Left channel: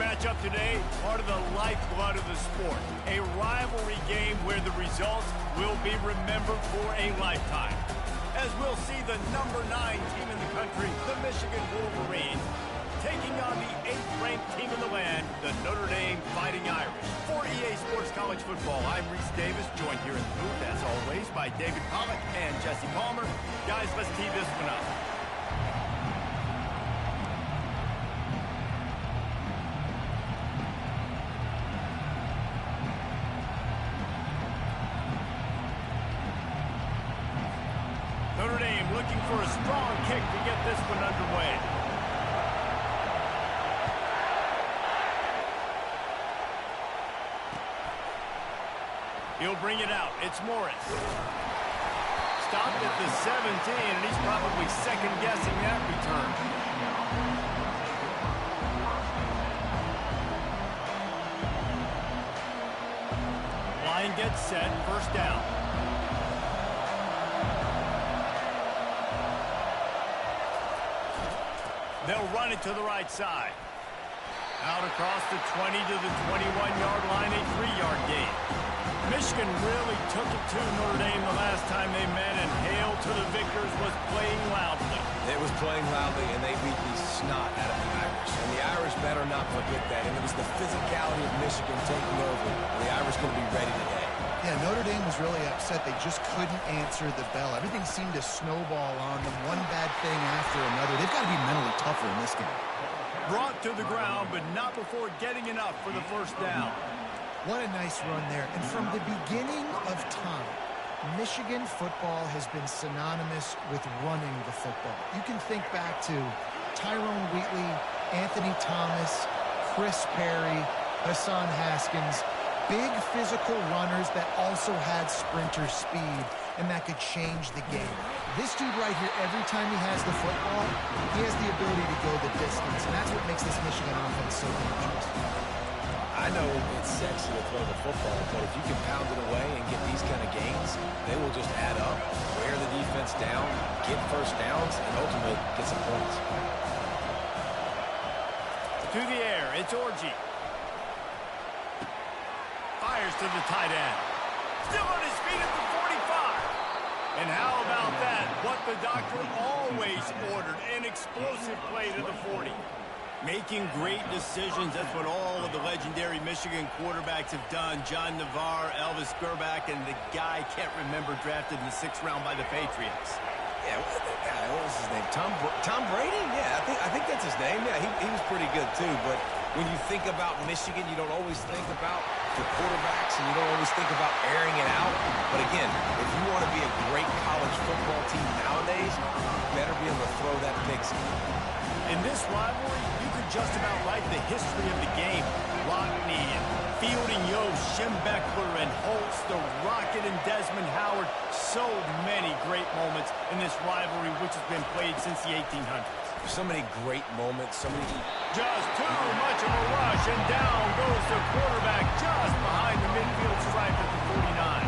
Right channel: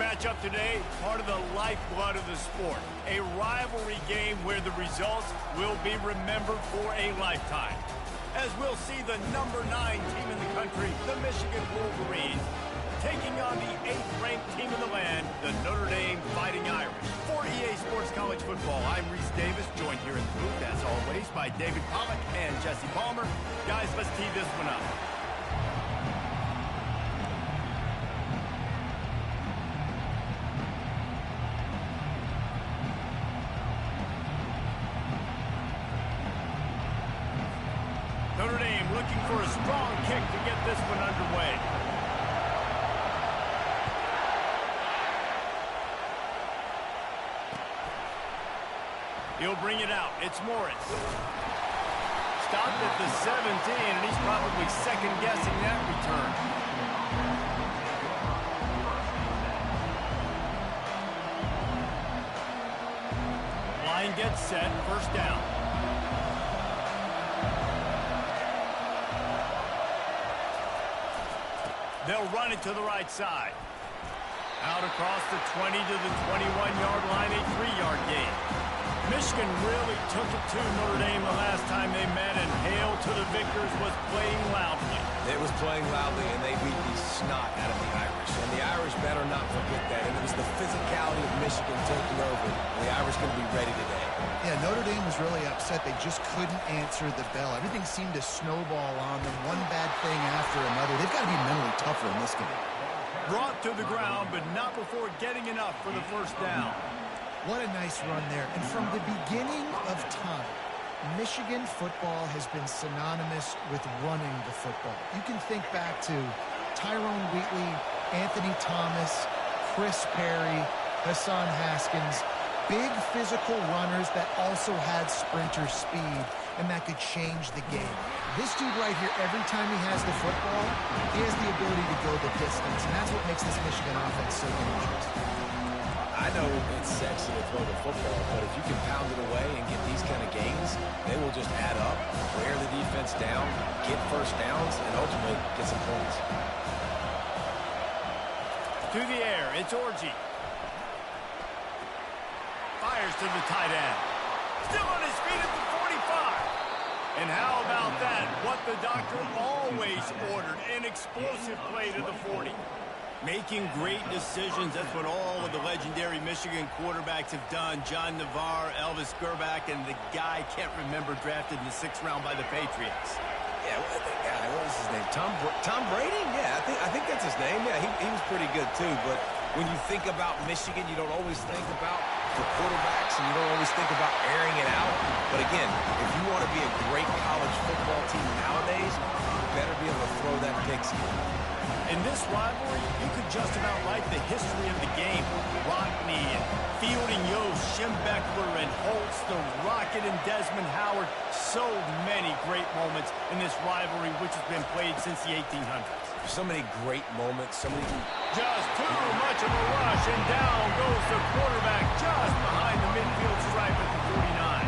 matchup today, part of the lifeblood of the sport. A rivalry game where the results will be remembered for a lifetime. As we'll see the number 9 team in the country, the Michigan Wolverines, taking on the 8th ranked team in the land, the Notre Dame Fighting Irish. For EA Sports College Football, I'm Reese Davis, joined here in the booth, as always, by David Pollack and Jesse Palmer. Guys, let's tee this one up. Notre Dame looking for a strong kick to get this one underway. He'll bring it out. It's Morris. Stopped at the 17, and he's probably second-guessing that return. Line gets set. First down. They'll run it to the right side. Out across the 20 to the 21-yard line, a 3-yard gain. Michigan really took it to Notre Dame the last time they met, and Hail to the Victors was playing loudly. It was playing loudly, and they beat the snot out of the Irish. And the Irish better not forget that. And it was the physicality of Michigan taking over. And the Irish going to be ready today. Yeah, Notre Dame was really upset. They just couldn't answer the bell. Everything seemed to snowball on them, one bad thing after another. They've got to be mentally tougher in this game. Brought to the ground, but not before getting enough for the first down. What a nice run there. And from the beginning of time, Michigan football has been synonymous with running the football. You can think back to Tyrone Wheatley, Anthony Thomas, Chris Perry, Hassan Haskins, big physical runners that also had sprinter speed and that could change the game. This dude right here, every time he has the football, he has the ability to go the distance, and that's what makes this Michigan offense so dangerous. I know it's sexy to throw the football, but if you can pound it away and get these kind of gains, they will just add up, wear the defense down, get first downs, and ultimately get some points. To the air, it's Orji. Fires to the tight end. Still on his feet at the 45. And how about that? What the doctor always ordered, an explosive play to the 40. Making great decisions, that's what all of the legendary Michigan quarterbacks have done. John Navarre, Elvis Gerbach, and the guy, can't remember, drafted in the 6th round by the Patriots. Yeah, what was his name? Tom Brady? Yeah, I think that's his name. Yeah, he was pretty good too. But when you think about Michigan, you don't always think about the quarterbacks, and you don't always think about airing it out. But again, if you want to be a great college football team nowadays, you better be able to throw that pigskin. In this rivalry, you could just about write the history of the game. Rockne and Fielding Yost, Schembechler and Holtz, the Rocket and Desmond Howard. So many great moments in this rivalry, which has been played since the 1800s. So many great moments, so many... Just too much of a rush, and down goes the quarterback just behind the midfield stripe at the 49.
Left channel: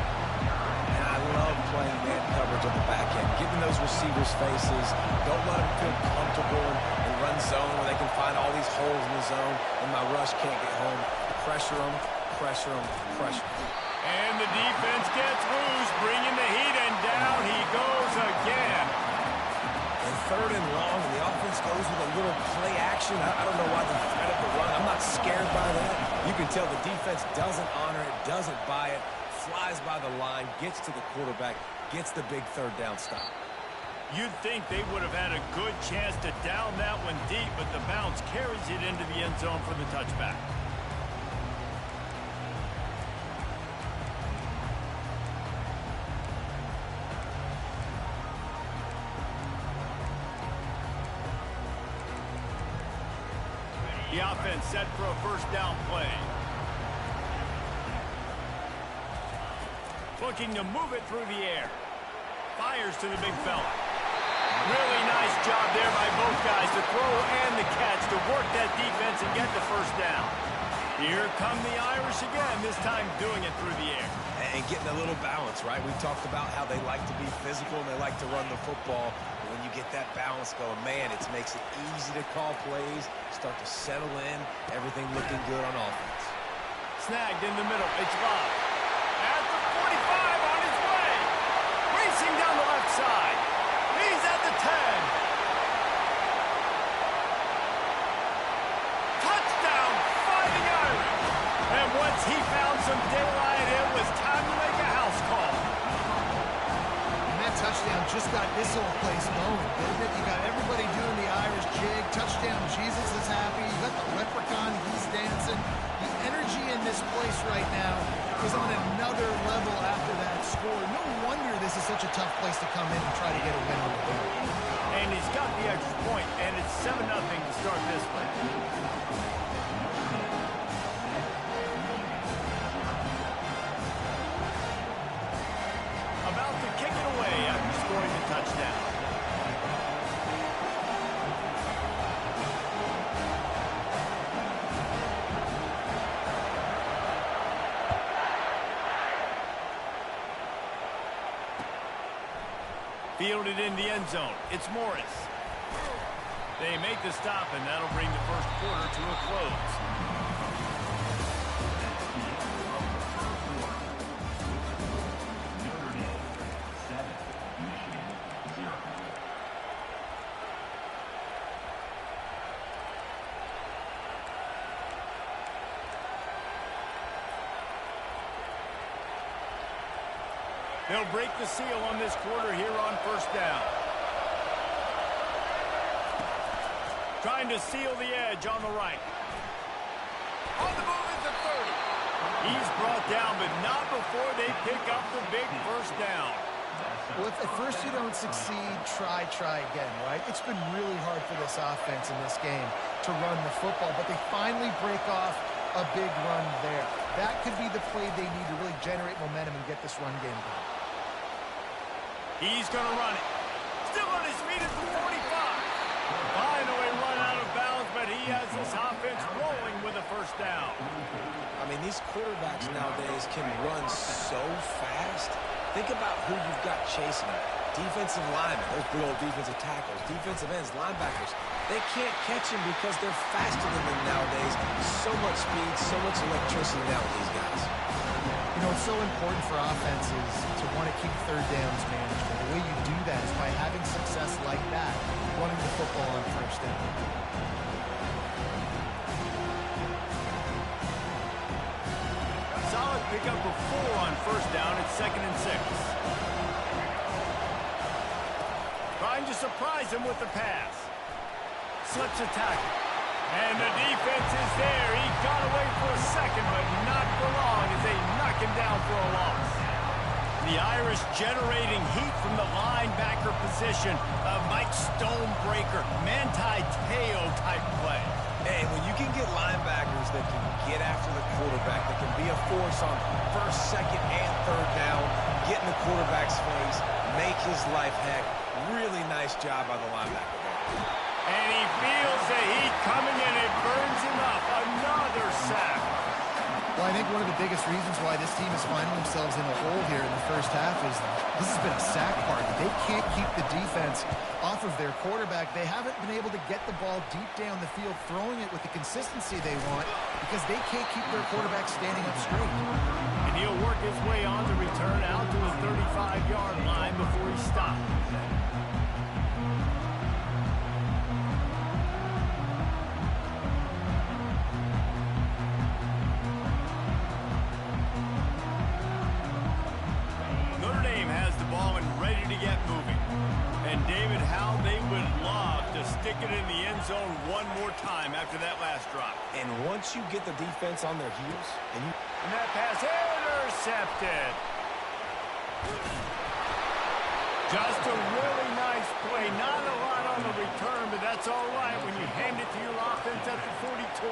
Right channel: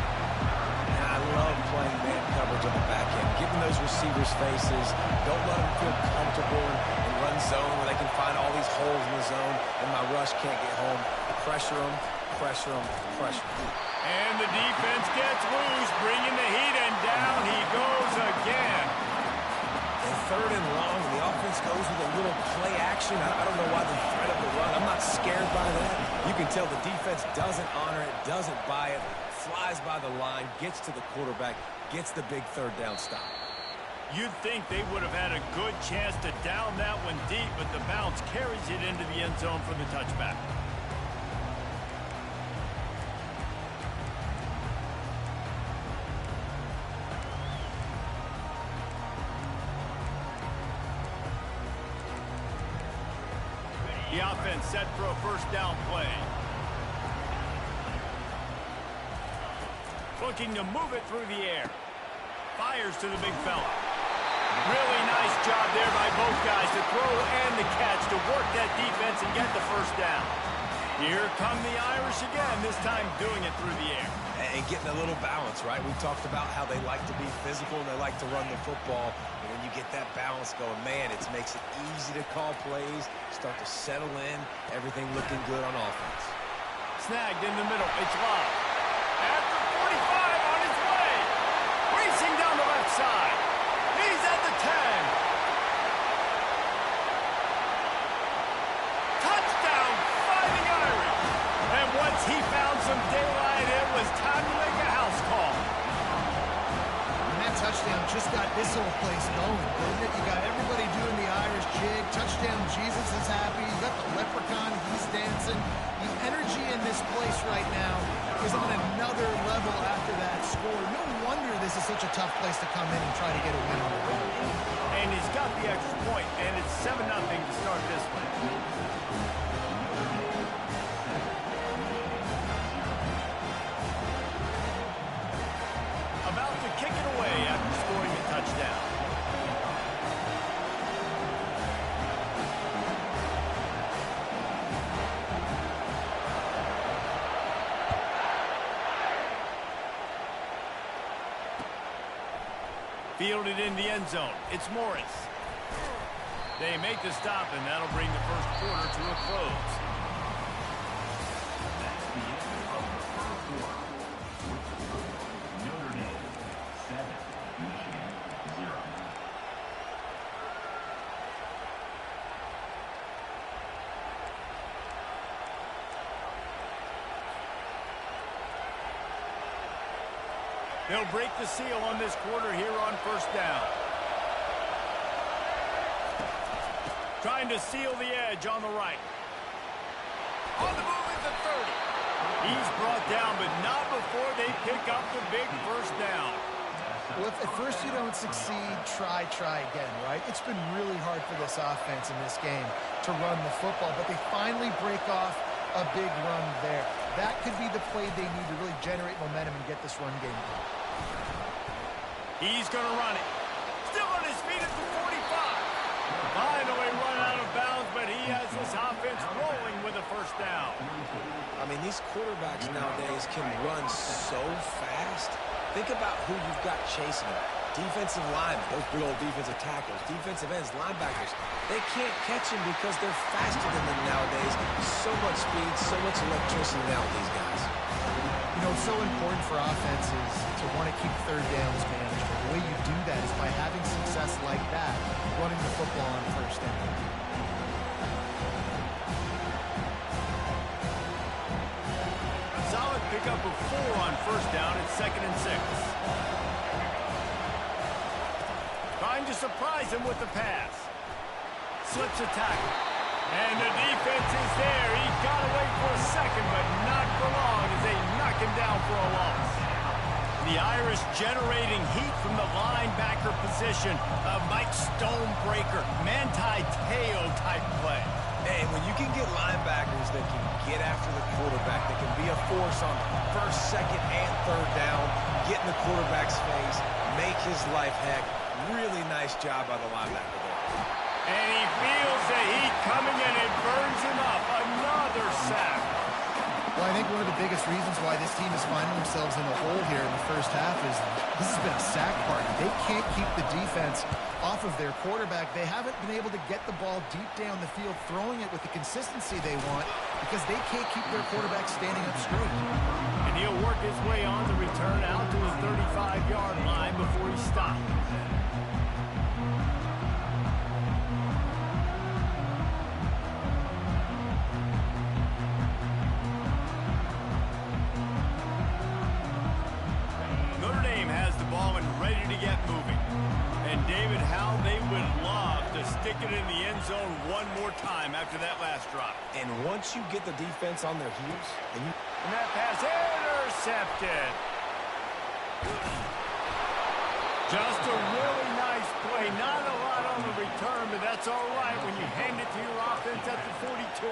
And I love playing man coverage on the back end, giving those receivers faces. Don't let them feel comfortable and run zone where they can find all these holes in the zone, and my rush can't get home. Pressure them, pressure them, pressure them. And the defense gets loose, bringing the heat, and down he goes again. And 3rd and long, and the offense goes with a little play action. I don't know why they thread up the run. I'm not scared by that. You can tell the defense doesn't honor it, doesn't buy it, flies by the line, gets to the quarterback, gets the big 3rd down stop. You'd think they would have had a good chance to down that one deep, but the bounce carries it into the end zone for the touchback. The offense set for a first down play. Looking to move it through the air. Fires to the big fella. Really nice job there by both guys to throw and the catch to work that defense and get the first down. Here come the Irish again, this time doing it through the air. And getting a little balance, right? We talked about how they like to be physical and they like to run the football. But when you get that balance going, man, it makes it easy to call plays, start to settle in, everything looking good on offense. Snagged in the middle. It's Love. At the 45 on his way. Racing down the left side. He's at the 10. Touchdown, Fighting Irish. And once he found some daylight, it was time to make a house call. And that touchdown just got this whole place going, didn't it? You got everybody doing the Irish jig. Touchdown, Jesus is happy. You got the leprechaun, he's dancing. The energy in this place right now is on another level after that score. No wonder this is such a tough place to come in and try to get a win on the road. And he's got the extra point, and it's 7-0 to start this one. About to kick it away after scoring a touchdown. Fielded in the end zone. It's Morris. They make the stop, and that'll bring the first quarter to a close. Notre Dame 7, Michigan 0. They'll break the seal on this quarter here on first down. Trying to seal the edge on the right. On the move at the 30. He's brought down, but not before they pick up the big first down. Well, if at first you don't succeed, try again, right? It's been really hard for this offense in this game to run the football, but they finally break off a big run there. That could be the play they need to really generate momentum and get this run game going. He's going to run it. Still on his feet at the 45. Finally run out of bounds, but he has this offense rolling with a first down. I mean, these quarterbacks nowadays can run so fast. Think about who you've got chasing them. Defensive linemen, those big old defensive tackles, defensive ends, linebackers. They can't catch him because they're faster than them nowadays. So much speed, so much electricity now with these guys. You know, it's so important for offenses to want to keep third downs manageable. The way you do that is by having success like that, running the football on first down. Solid pickup of 4 on first down. It's 2nd and 6. Trying to surprise him with the pass. Slips a tackle. And the defense is there. He got away for a second, but not for long as they knock him down for a loss. The Irish generating heat from the linebacker position. A Mike Stonebreaker, Manti Te'o type play. And when you can get linebackers that can get after the quarterback, that can be a force on first, second, and third down, get in the quarterback's face, make his life heck. Really nice job by the linebacker there. And he feels the heat coming and it burns him up. Another sack. Well, I think one of the biggest reasons why this team is finding themselves in a hole here in the first half is this has been a sack party. They can't keep the defense off of their quarterback. They haven't been able to get the ball deep down the field, throwing it with the consistency they want because they can't keep their quarterback standing up straight. And he'll work his way on the return out to the 35-yard line before he stops. Stick it in the end zone one more time after that last drop. And once you get the defense on their heels, and that pass intercepted. Just a really nice play. Not a lot on the return, but that's all right when you hand it to your offense at the 42.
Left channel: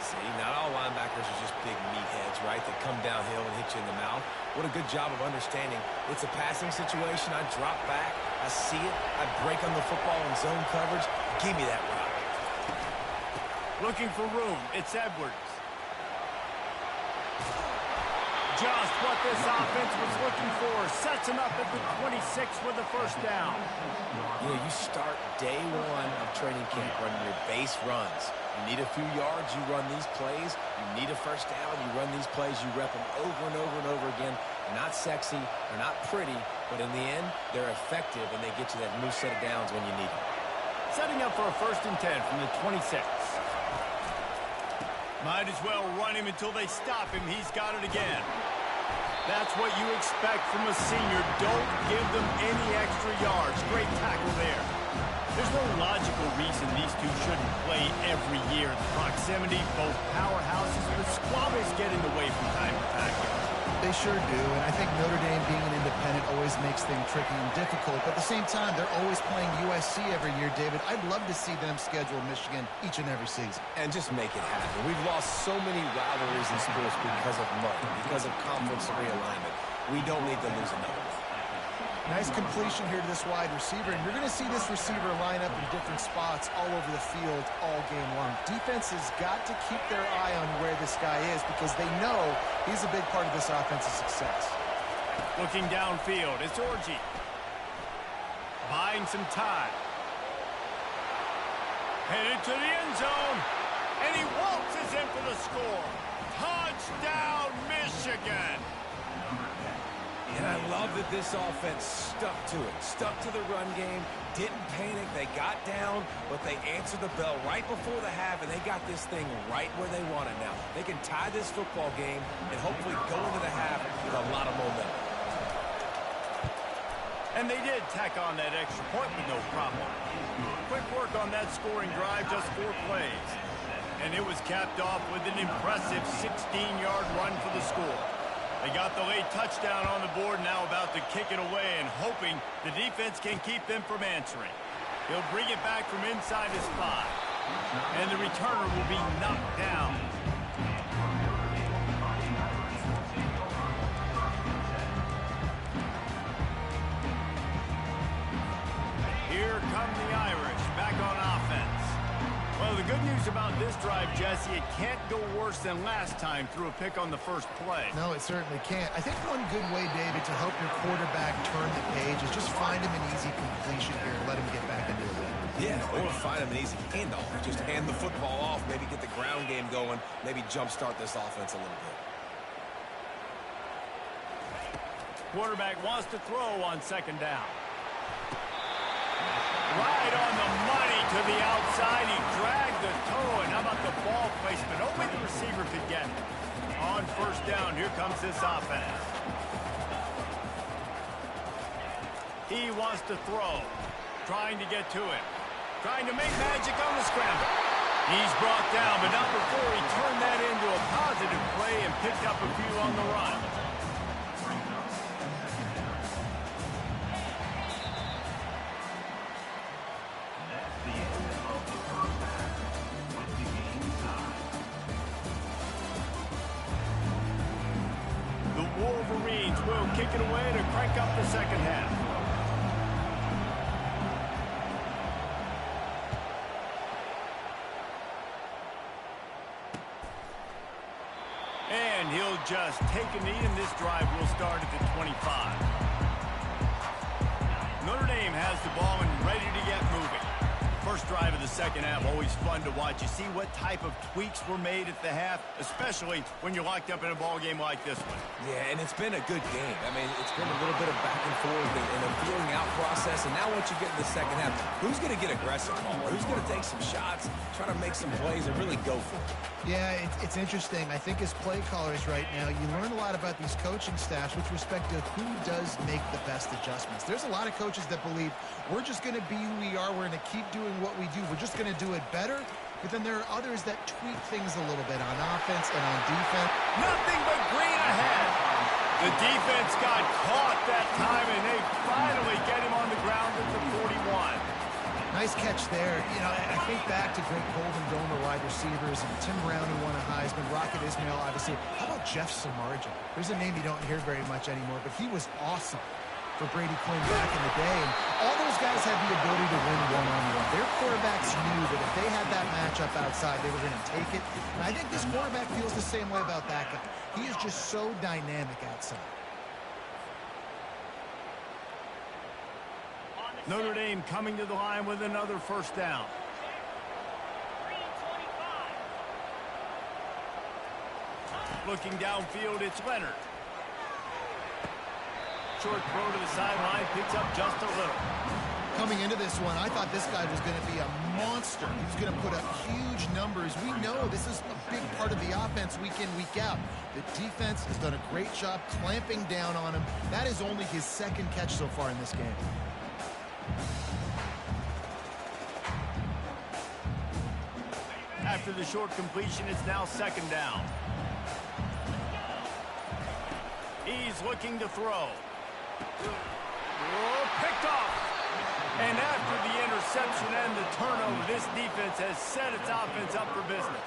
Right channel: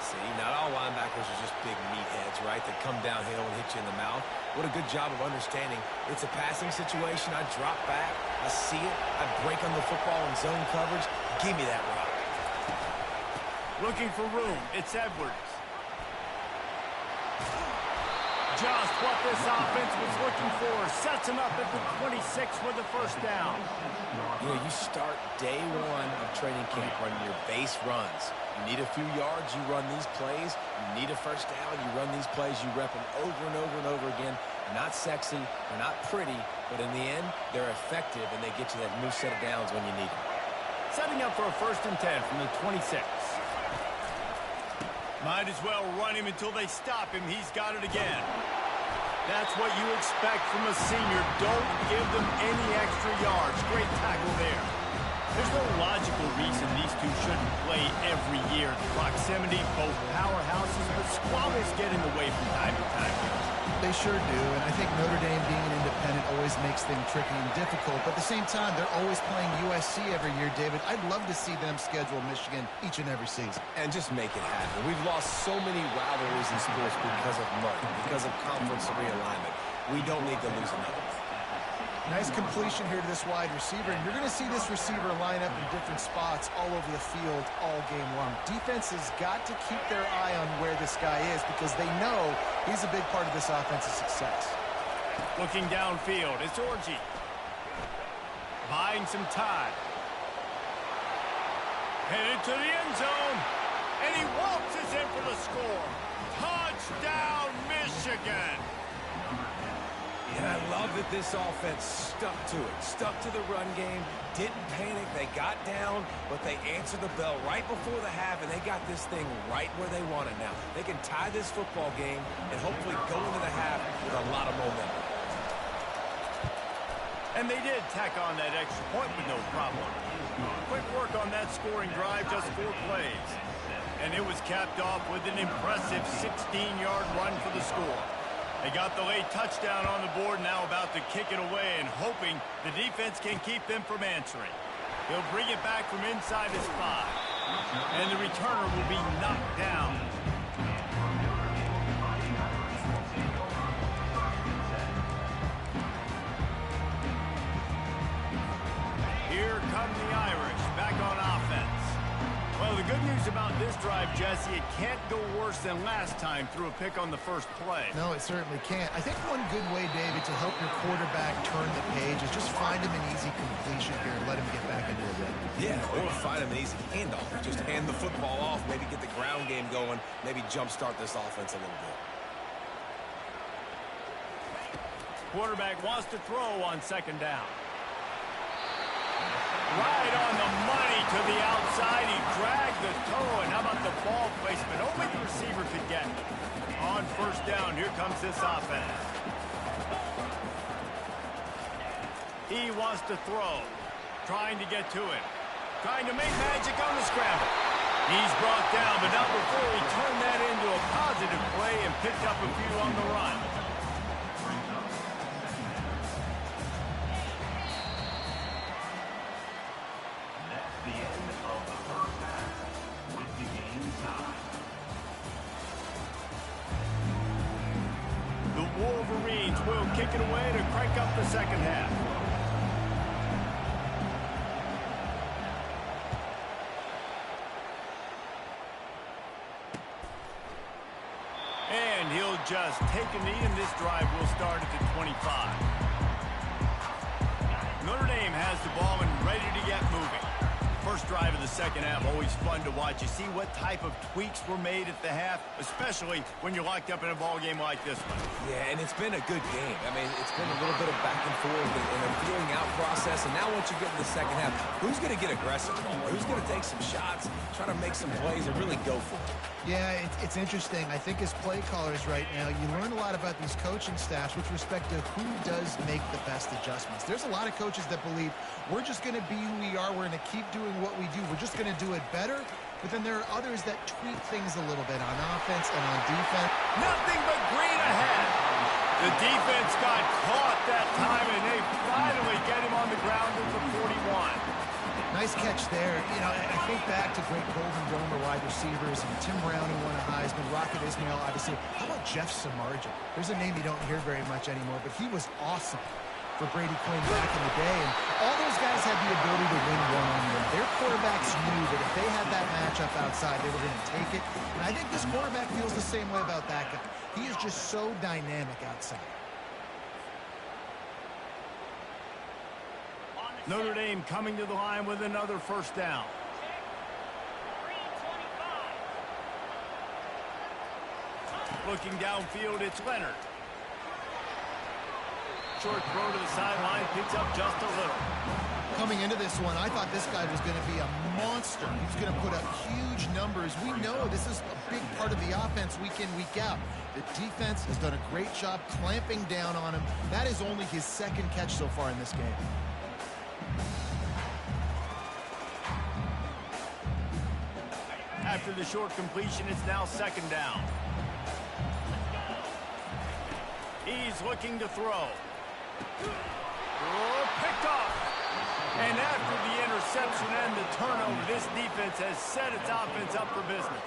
See, not all linebackers are just big meatheads, right, that come downhill and hit you in the mouth. What a good job of understanding. It's a passing situation. I drop back. I see it. I break on the football in zone coverage. Give me that rock. Looking for room. It's Edwards. just what this offense was looking for. Sets him up at the 26 with the first down. You know, you start day one of training camp running your base runs. You need a few yards, you run these plays. You need a first down, you run these plays. You rep them over and over and over again. They're not sexy, they're not pretty, but in the end, they're effective, and they get you that new set of downs when you need them. Setting up for a 1st and 10 from the 26. Might as well run him until they stop him. He's got it again. That's what you expect from a senior. Don't give them any extra yards. Great tackle there. There's no logical reason these two shouldn't play every year. The proximity, both powerhouses, but squabbles get in the way from time to time. They sure do, and I think Notre Dame being an independent always makes things tricky and difficult, but at the same time, they're always playing USC every year, David. I'd love to see them schedule Michigan each and every season. And just make it happen. We've lost so many rivalries in sports because of money, because of conference realignment. We don't need to lose another one. Nice completion here to this wide receiver, and you're going to see this receiver line up in different spots all over the field all game long. Defense has got to keep their eye on where this guy is because they know he's a big part of this offense's success. Looking downfield, it's Orji. Buying some time. Headed to the end zone, and he waltzes in for the score. Touchdown, Michigan! And I love that this offense stuck to it, stuck to the run game, didn't panic. They got down, but they answered the bell right before the half, and they got this thing right where they want it now. They can tie this football game and hopefully go into the half with a lot of momentum. And they did tack on that extra point with no problem. Quick work on that scoring drive, just 4 plays. And it was capped off with an impressive 16-yard run for the score. They got the late touchdown on the board, now about to kick it away and hoping the defense can keep them from answering. He'll bring it back from inside his 5. And the returner will be knocked down. Here come the Irish, back on offense. Well, the good news about this drive, Jesse, it can't go worse than last time through a pick on the first play. No, it certainly can't. I think one good way, David, to help your quarterback turn the page is just find him an easy completion here and let him get back into the rhythm. Yeah, or find him an easy handoff. Just hand the football off, maybe get the ground game going, maybe jumpstart this offense a little bit. Quarterback wants to throw on 2nd down. Right on the money to the outside. He dragged the toe, and how about the ball placement? Only the receiver could get it. On 1st down, here comes this offense. He wants to throw. Trying to get to it. Trying to make magic on the scramble. He's brought down, but not before he turned that into a positive play and picked up a few on the run. Wolverines will kick it away to crank up the 2nd half. And he'll just take a knee, and this drive will start at the 25. Notre Dame has the ball and ready to get moving. First drive of the 2nd half, always fun to watch. You see what type of tweaks were made at the half, especially when you're locked up in a ball game like this one. Yeah, and it's been a good game. I mean, it's been a little bit of back and forth and a feeling out process. And now once you get in the 2nd half, who's going to get aggressive, Palmer? Who's going to take some shots, try to make some plays, and really go for it? Yeah, it's interesting. I think as play callers right now, you learn a lot about these coaching staffs with respect to who does make the best adjustments. There's a lot of coaches that believe we're just going to be who we are. We're going to keep doing what we do. We're just going to do it better. But then there are others that tweak things a little bit on offense and on defense. Nothing but green ahead. The defense got caught that time, and they finally get him on the ground at the 41. Nice catch there. You know, I think back to great Golden Domer wide receivers and Tim Brown, who won a Heisman, Rocket Ismail, obviously. How about Jeff Samardzija? There's a name you don't hear very much anymore, but he was awesome. for Brady Quinn back in the day. And all those guys had the ability to win one-on-one. Their quarterbacks knew that if they had that matchup outside, they were going to take it. And I think this quarterback feels the same way about that guy. He is just so dynamic outside. Notre Dame coming to the line with another first down. Looking downfield, it's Leonard. Short throw to the sideline, picks up just a little. Coming into this one, I thought this guy was going to be a monster. He was going to put up huge numbers. We know this is a big part of the offense week in, week out. The defense has done a great job clamping down on him. That is only his second catch so far in this game. After the short completion, it's now second down. He's looking to throw. Oh, picked off. And after the interception and the turnover, this defense has set its offense up for business.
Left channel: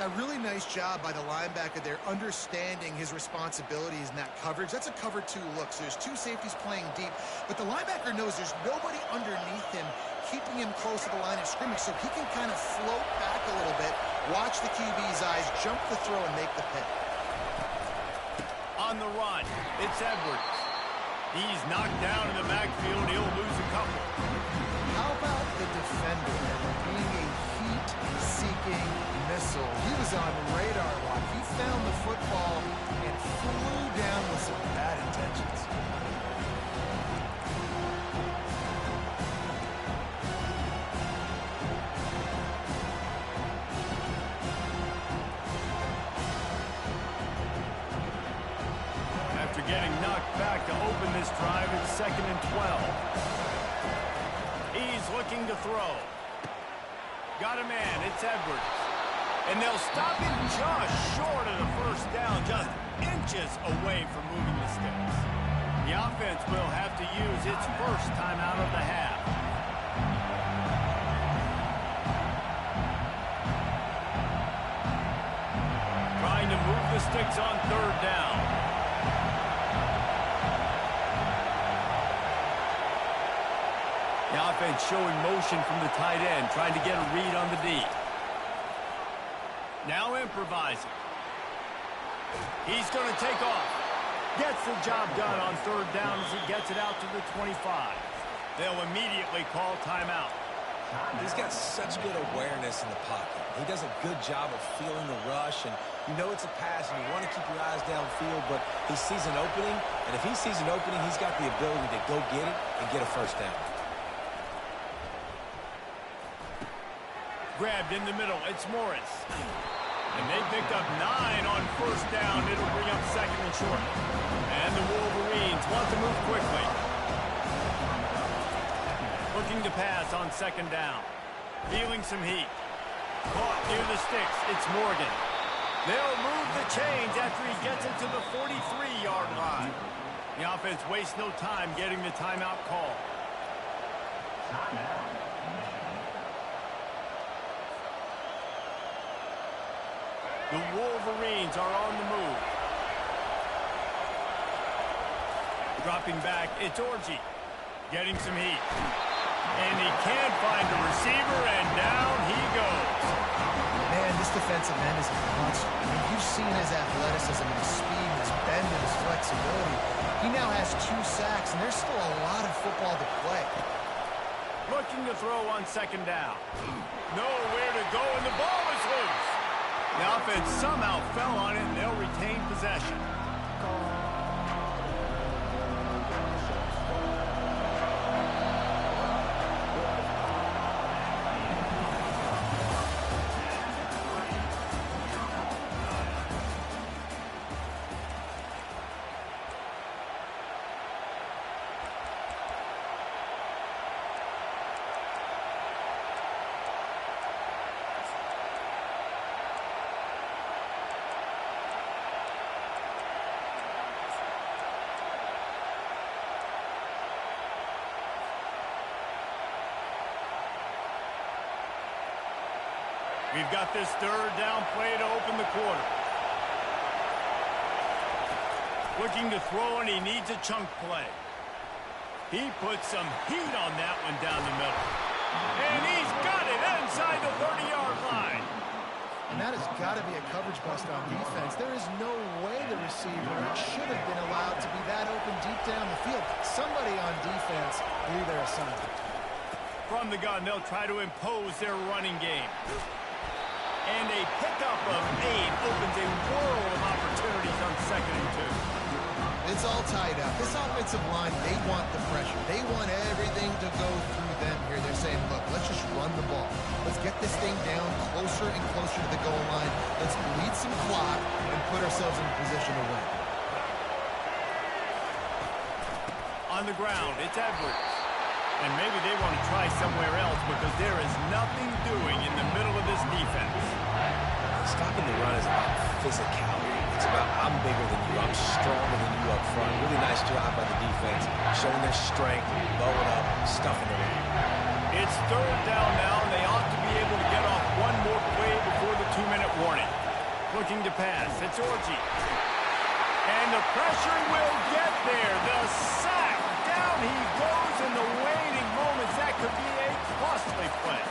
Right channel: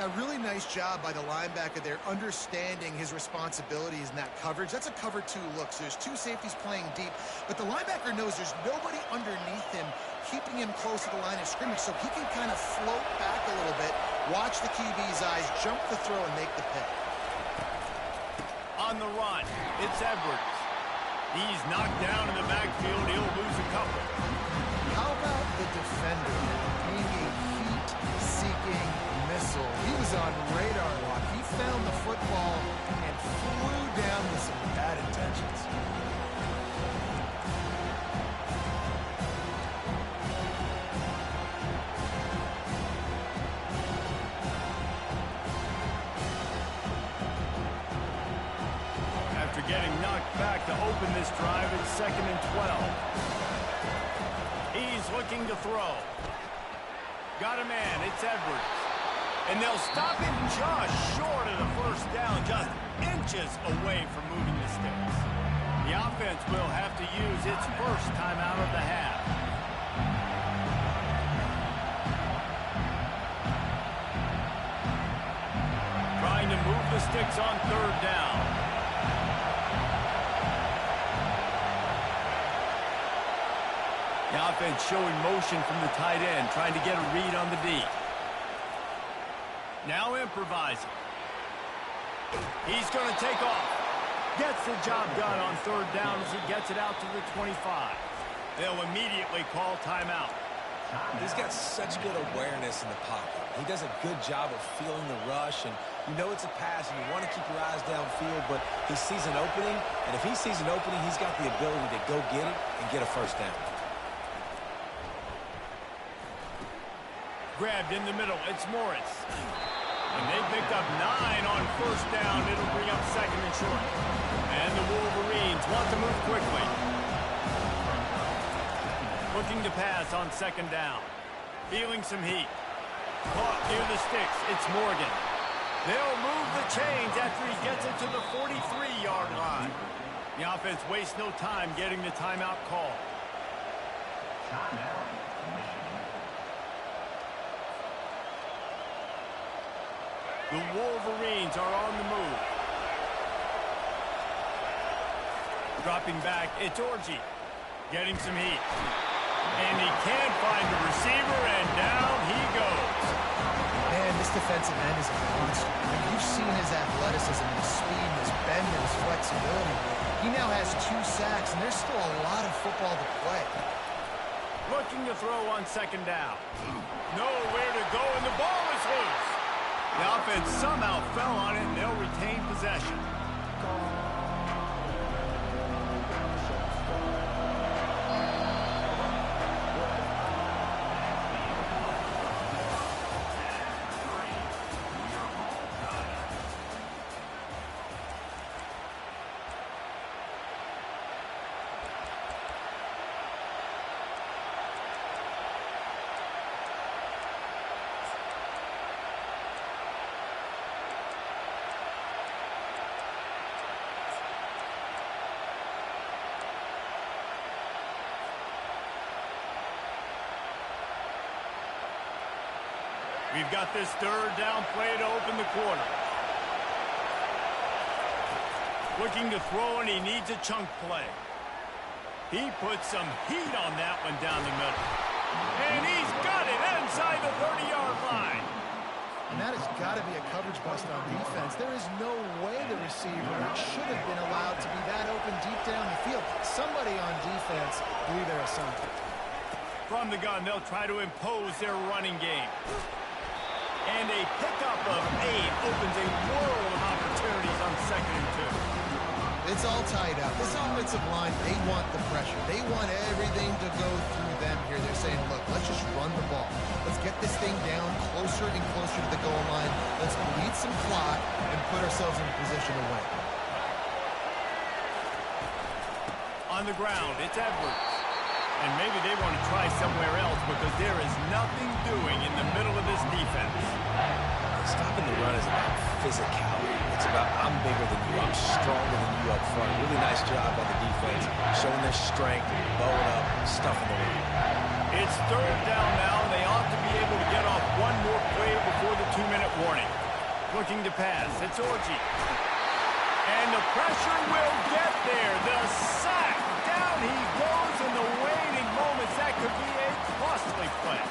A really nice job by the linebacker there, understanding his responsibilities in that coverage. That's a cover two look. So there's two safeties playing deep, but the linebacker knows there's nobody underneath him keeping him close to the line of scrimmage, so he can kind of float back a little bit, watch the QB's eyes, jump the throw, and make the pick. On the run, it's Edwards. He's knocked down in the backfield. He'll lose a couple. How about the defender being a heat-seeking missile? He was on radar lock. He found the football and flew down with some bad intentions. After getting knocked back to open this drive, it's 2nd and 12. He's looking to throw. Got a man, it's Edwards. And they'll stop him just short of the first down, just inches away from moving the sticks. The offense will have to use its first timeout of the half. Trying to move the sticks on 3rd down. The offense showing motion from the tight end, trying to get a read on the D. Now improvising. He's going to take off. Gets the job done on 3rd down as he gets it out to the 25. They'll immediately call timeout. He's got such good awareness in the pocket. He does a good job of feeling the rush, and you know it's a pass, and you want to keep your eyes downfield, but he sees an opening, and if he sees an opening, he's got the ability to go get it and get a first down. Grabbed in the middle, it's Morris. And they picked up 9 on 1st down. It'll bring up 2nd and short. And the Wolverines want to move quickly. Looking to pass on 2nd down. Feeling some heat. Caught near the sticks, it's Morgan. They'll move the chains after he gets it to the 43-yard line. The offense wastes no time getting the timeout call. Timeout, Michigan. The Wolverines are on the move. Dropping back, it's Orji. Getting some heat. And he can't find a receiver, and down he goes. Man, this defensive end is a monster. I mean, you've seen his athleticism and his speed and his bend and his flexibility. He now has 2 sacks, and there's still a lot of football to play. Looking to throw on 2nd down. Nowhere to go, and the ball is loose. The offense somehow fell on it, and they'll retain possession. We've got this 3rd down play to open the quarter. Looking to throw, and he needs a chunk play. He put some heat on that one down the middle. And he's got it inside the 30-yard line. And that has got to be a coverage bust on defense. There is no way the receiver should have been allowed to be that open deep down the field. Somebody on defense blew their assignment. From the gun, they'll try to impose their running game. And a pickup of 8 opens a world of opportunities on 2nd and 2. It's all tied up. This offensive line, they want the pressure. They want everything to go through them here. They're saying, look, let's just run the ball. Let's get this thing down closer and closer to the goal line. Let's bleed some clock and put ourselves in a position to win. On the ground, it's Edwards. And maybe they want to try somewhere else because there is nothing doing in the middle of this defense. Stopping the run is about physicality. It's about I'm bigger than you, I'm stronger than you up front. Really nice job by the defense, showing their strength, bowing up, stuffing the run. It's 3rd down now, and they ought to be able to get off one more play before the 2-minute warning. Looking to pass, it's Orji. And the pressure will get there. The sack, down he goes in the waning moments. That could be a costly play.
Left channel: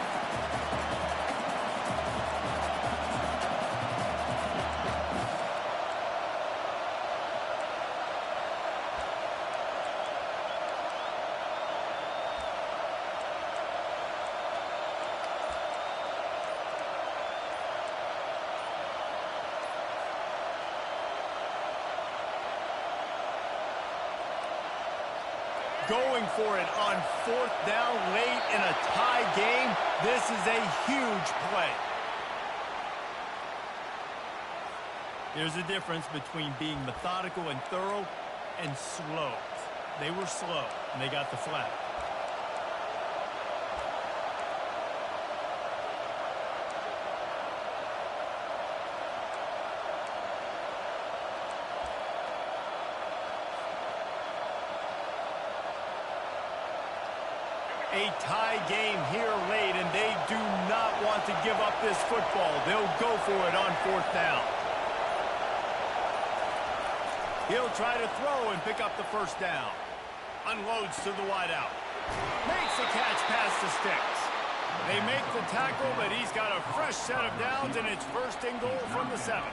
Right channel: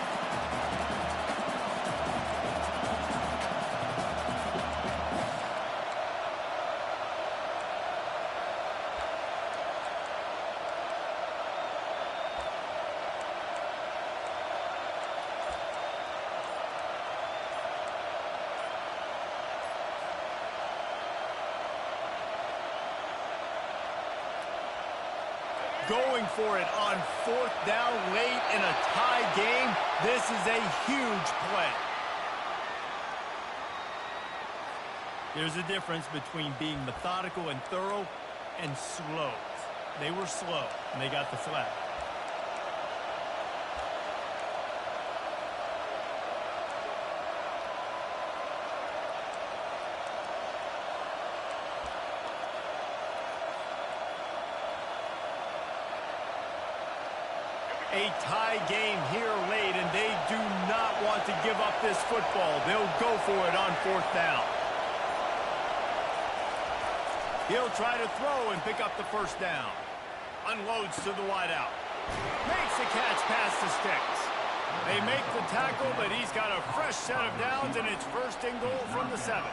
Going for it on 4th down late in a tie game. This is a huge play. There's a difference between being methodical and thorough and slow. They were slow, and they got the flag. A tie game here late, and they do not want to give up this football. They'll go for it on 4th down. He'll try to throw and pick up the 1st down. Unloads to the wideout. Makes the catch past the sticks. They make the tackle, but he's got a fresh set of downs, and it's 1st and goal from the 7.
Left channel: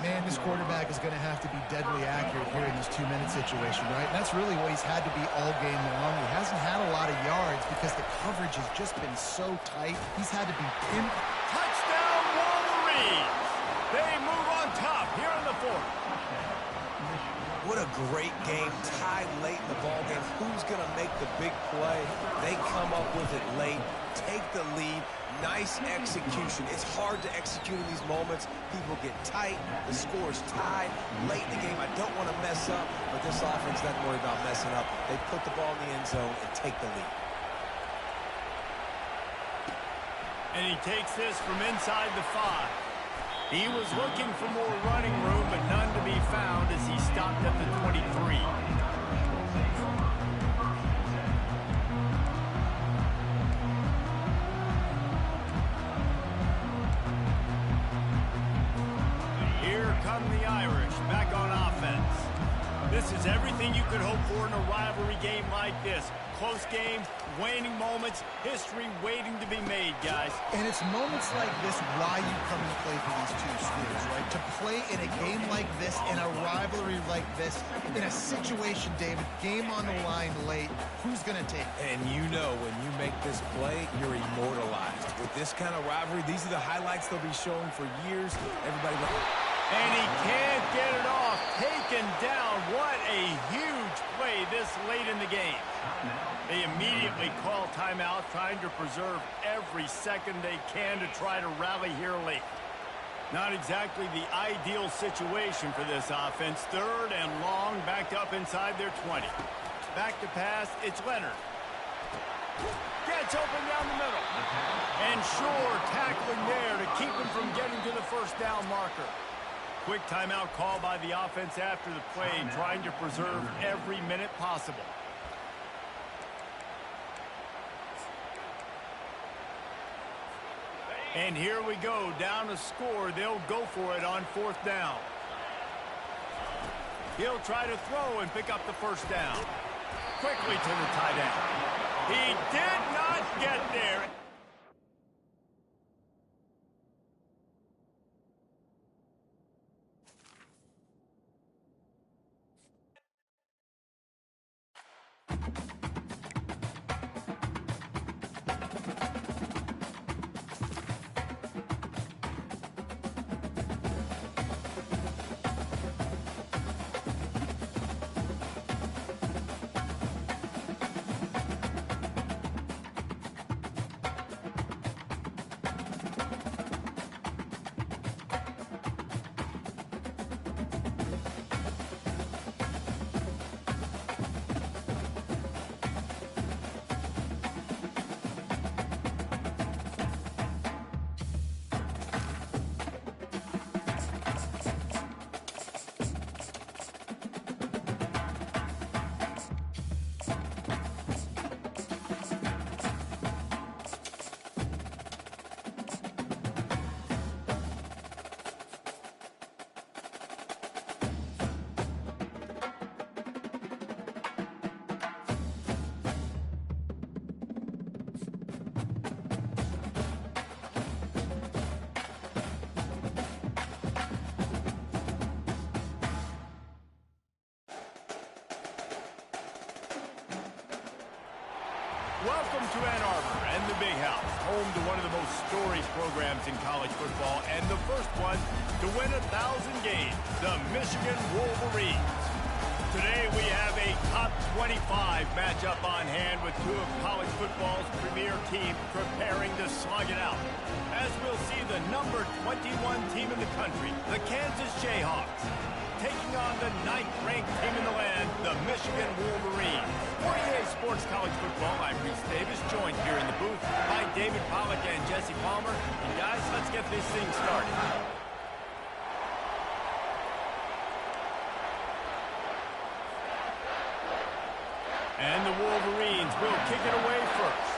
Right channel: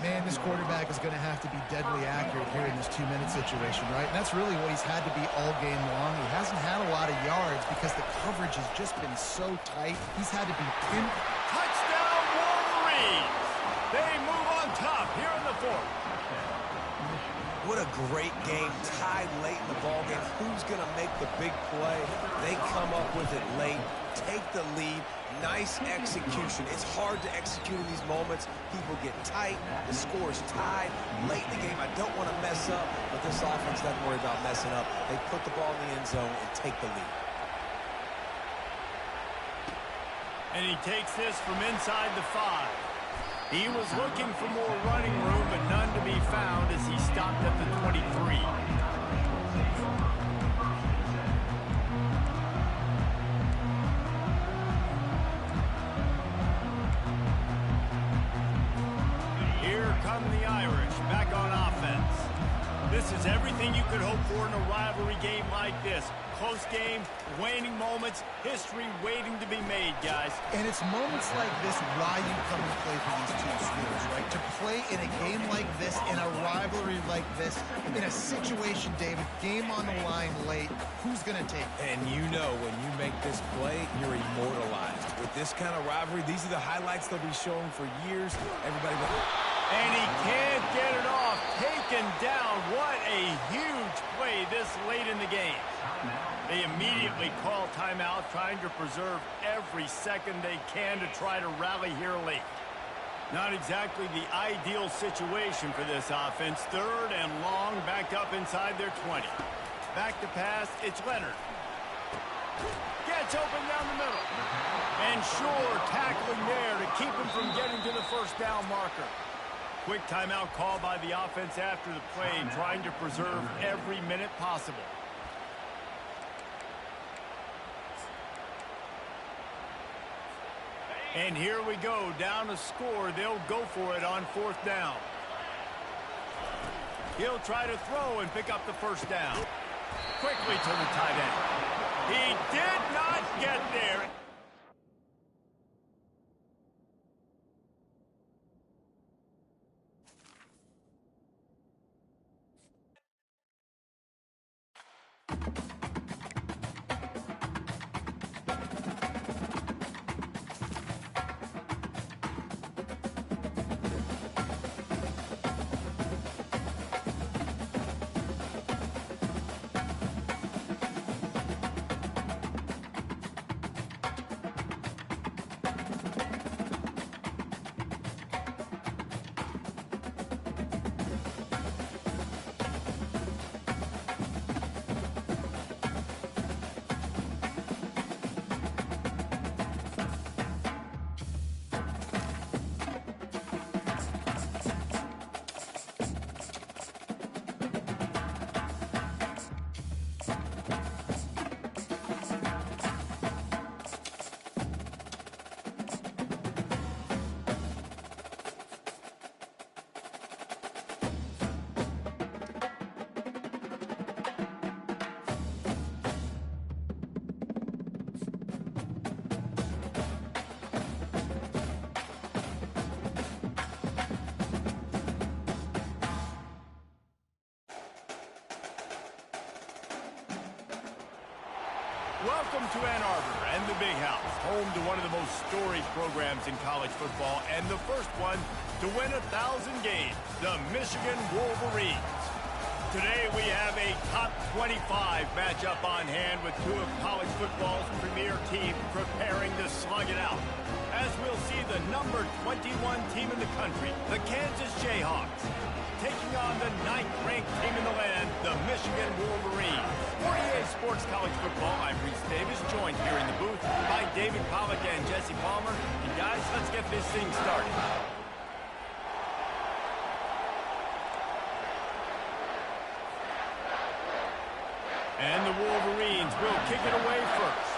Man, this quarterback is going to have to be deadly accurate here in this 2-minute situation, right? And that's really what he's had to be all game long. He hasn't had a lot of yards because the coverage has just been so tight. He's had to be pinned. Touchdown, Wolverines! They move on top here in the 4th. What a great game, tied late in the ball game. Who's going to make the big play? They come up with it late, take the lead. Nice execution. It's hard to execute in these moments. People get tight. The score's tied late in the game. I don't want to mess up, but this offense doesn't worry about messing up. They put the ball in the end zone and take the lead. And he takes this from inside the 5. He was looking for more running room, but none to be found as he stopped at the 23. Here come the Irish back on offense. This is everything you could hope for in a rivalry game like this. Close game, waning moments, history waiting to be made, guys. And it's moments like this why you come and play for these two schools, right? To play in a game like this, in a rivalry like this, in a situation, David, game on the line late, who's going to take it? And you know when you make this play, you're immortalized. With this kind of rivalry, these are the highlights they'll be showing for years. Everybody will... And he can't get it off. Taken down. What a huge play this late in the game. They immediately call timeout, trying to preserve every second they can to try to rally here late. Not exactly the ideal situation for this offense. 3rd and long, backed up inside their 20. Back to pass, it's Leonard. Gets open down the middle. And Shore tackling there to keep him from getting to the 1st down marker. Quick timeout call by the offense after the play, trying to preserve every minute possible. And here we go, down a score. They'll go for it on 4th down. He'll try to throw and pick up the 1st down. Quickly to the tight end. He did not get there. Welcome to Ann Arbor and the Big House, home to one of the most storied programs in college football and the first one to win 1,000 games, the Michigan Wolverines. Today we have a top 25 matchup on hand with two of college football's premier teams preparing to slug it out. As we'll see the number 21 team in the country, the Kansas Jayhawks, taking on the 9th-ranked team in the land, the Michigan Wolverines. For EA Sports College Football, I'm Reese Davis, joined here in the booth by David Pollack and Jesse Palmer. And guys, let's get this thing started. And the Wolverines will kick it away first.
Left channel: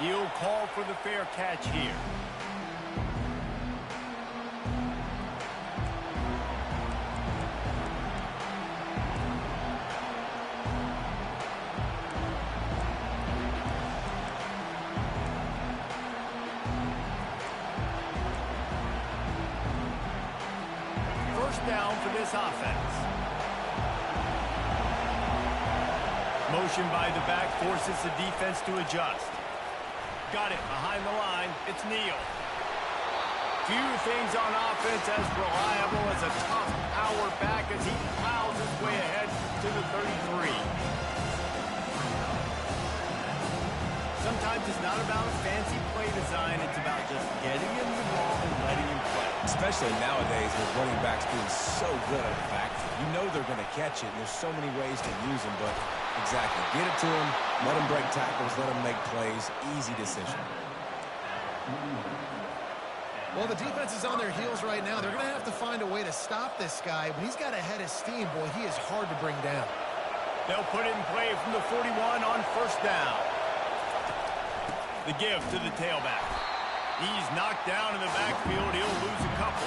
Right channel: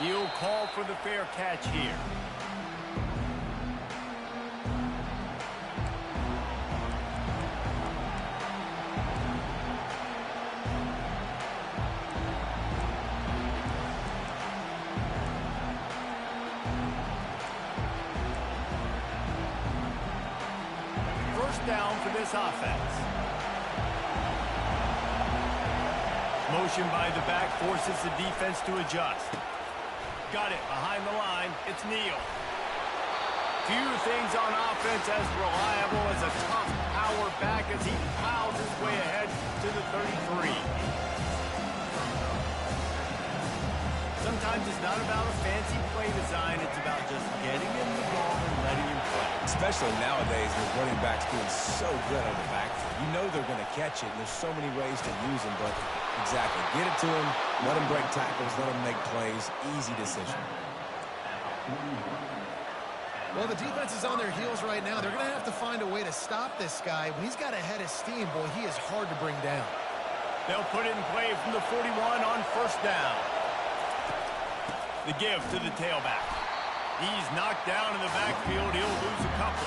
He'll call for the fair catch here. First down for this offense. Motion by the back forces the defense to adjust. Got it behind the line. It's Neal. Few things on offense as reliable as a tough power back as he plows his way ahead to the 33. Sometimes it's not about a fancy play design. It's about just getting him the ball and letting him play. Especially nowadays with running backs being so good out of the backfield. You know they're going to catch it, and there's so many ways to use them, but exactly. Get it to him, let him break tackles, let him make plays. Easy decision. Well, the defense is on their heels right now. They're going to have to find a way to stop this guy. When he's got a head of steam, boy, he is hard to bring down. They'll put it in play from the 41 on first down. The give to the tailback. He's knocked down in the backfield. He'll lose a couple.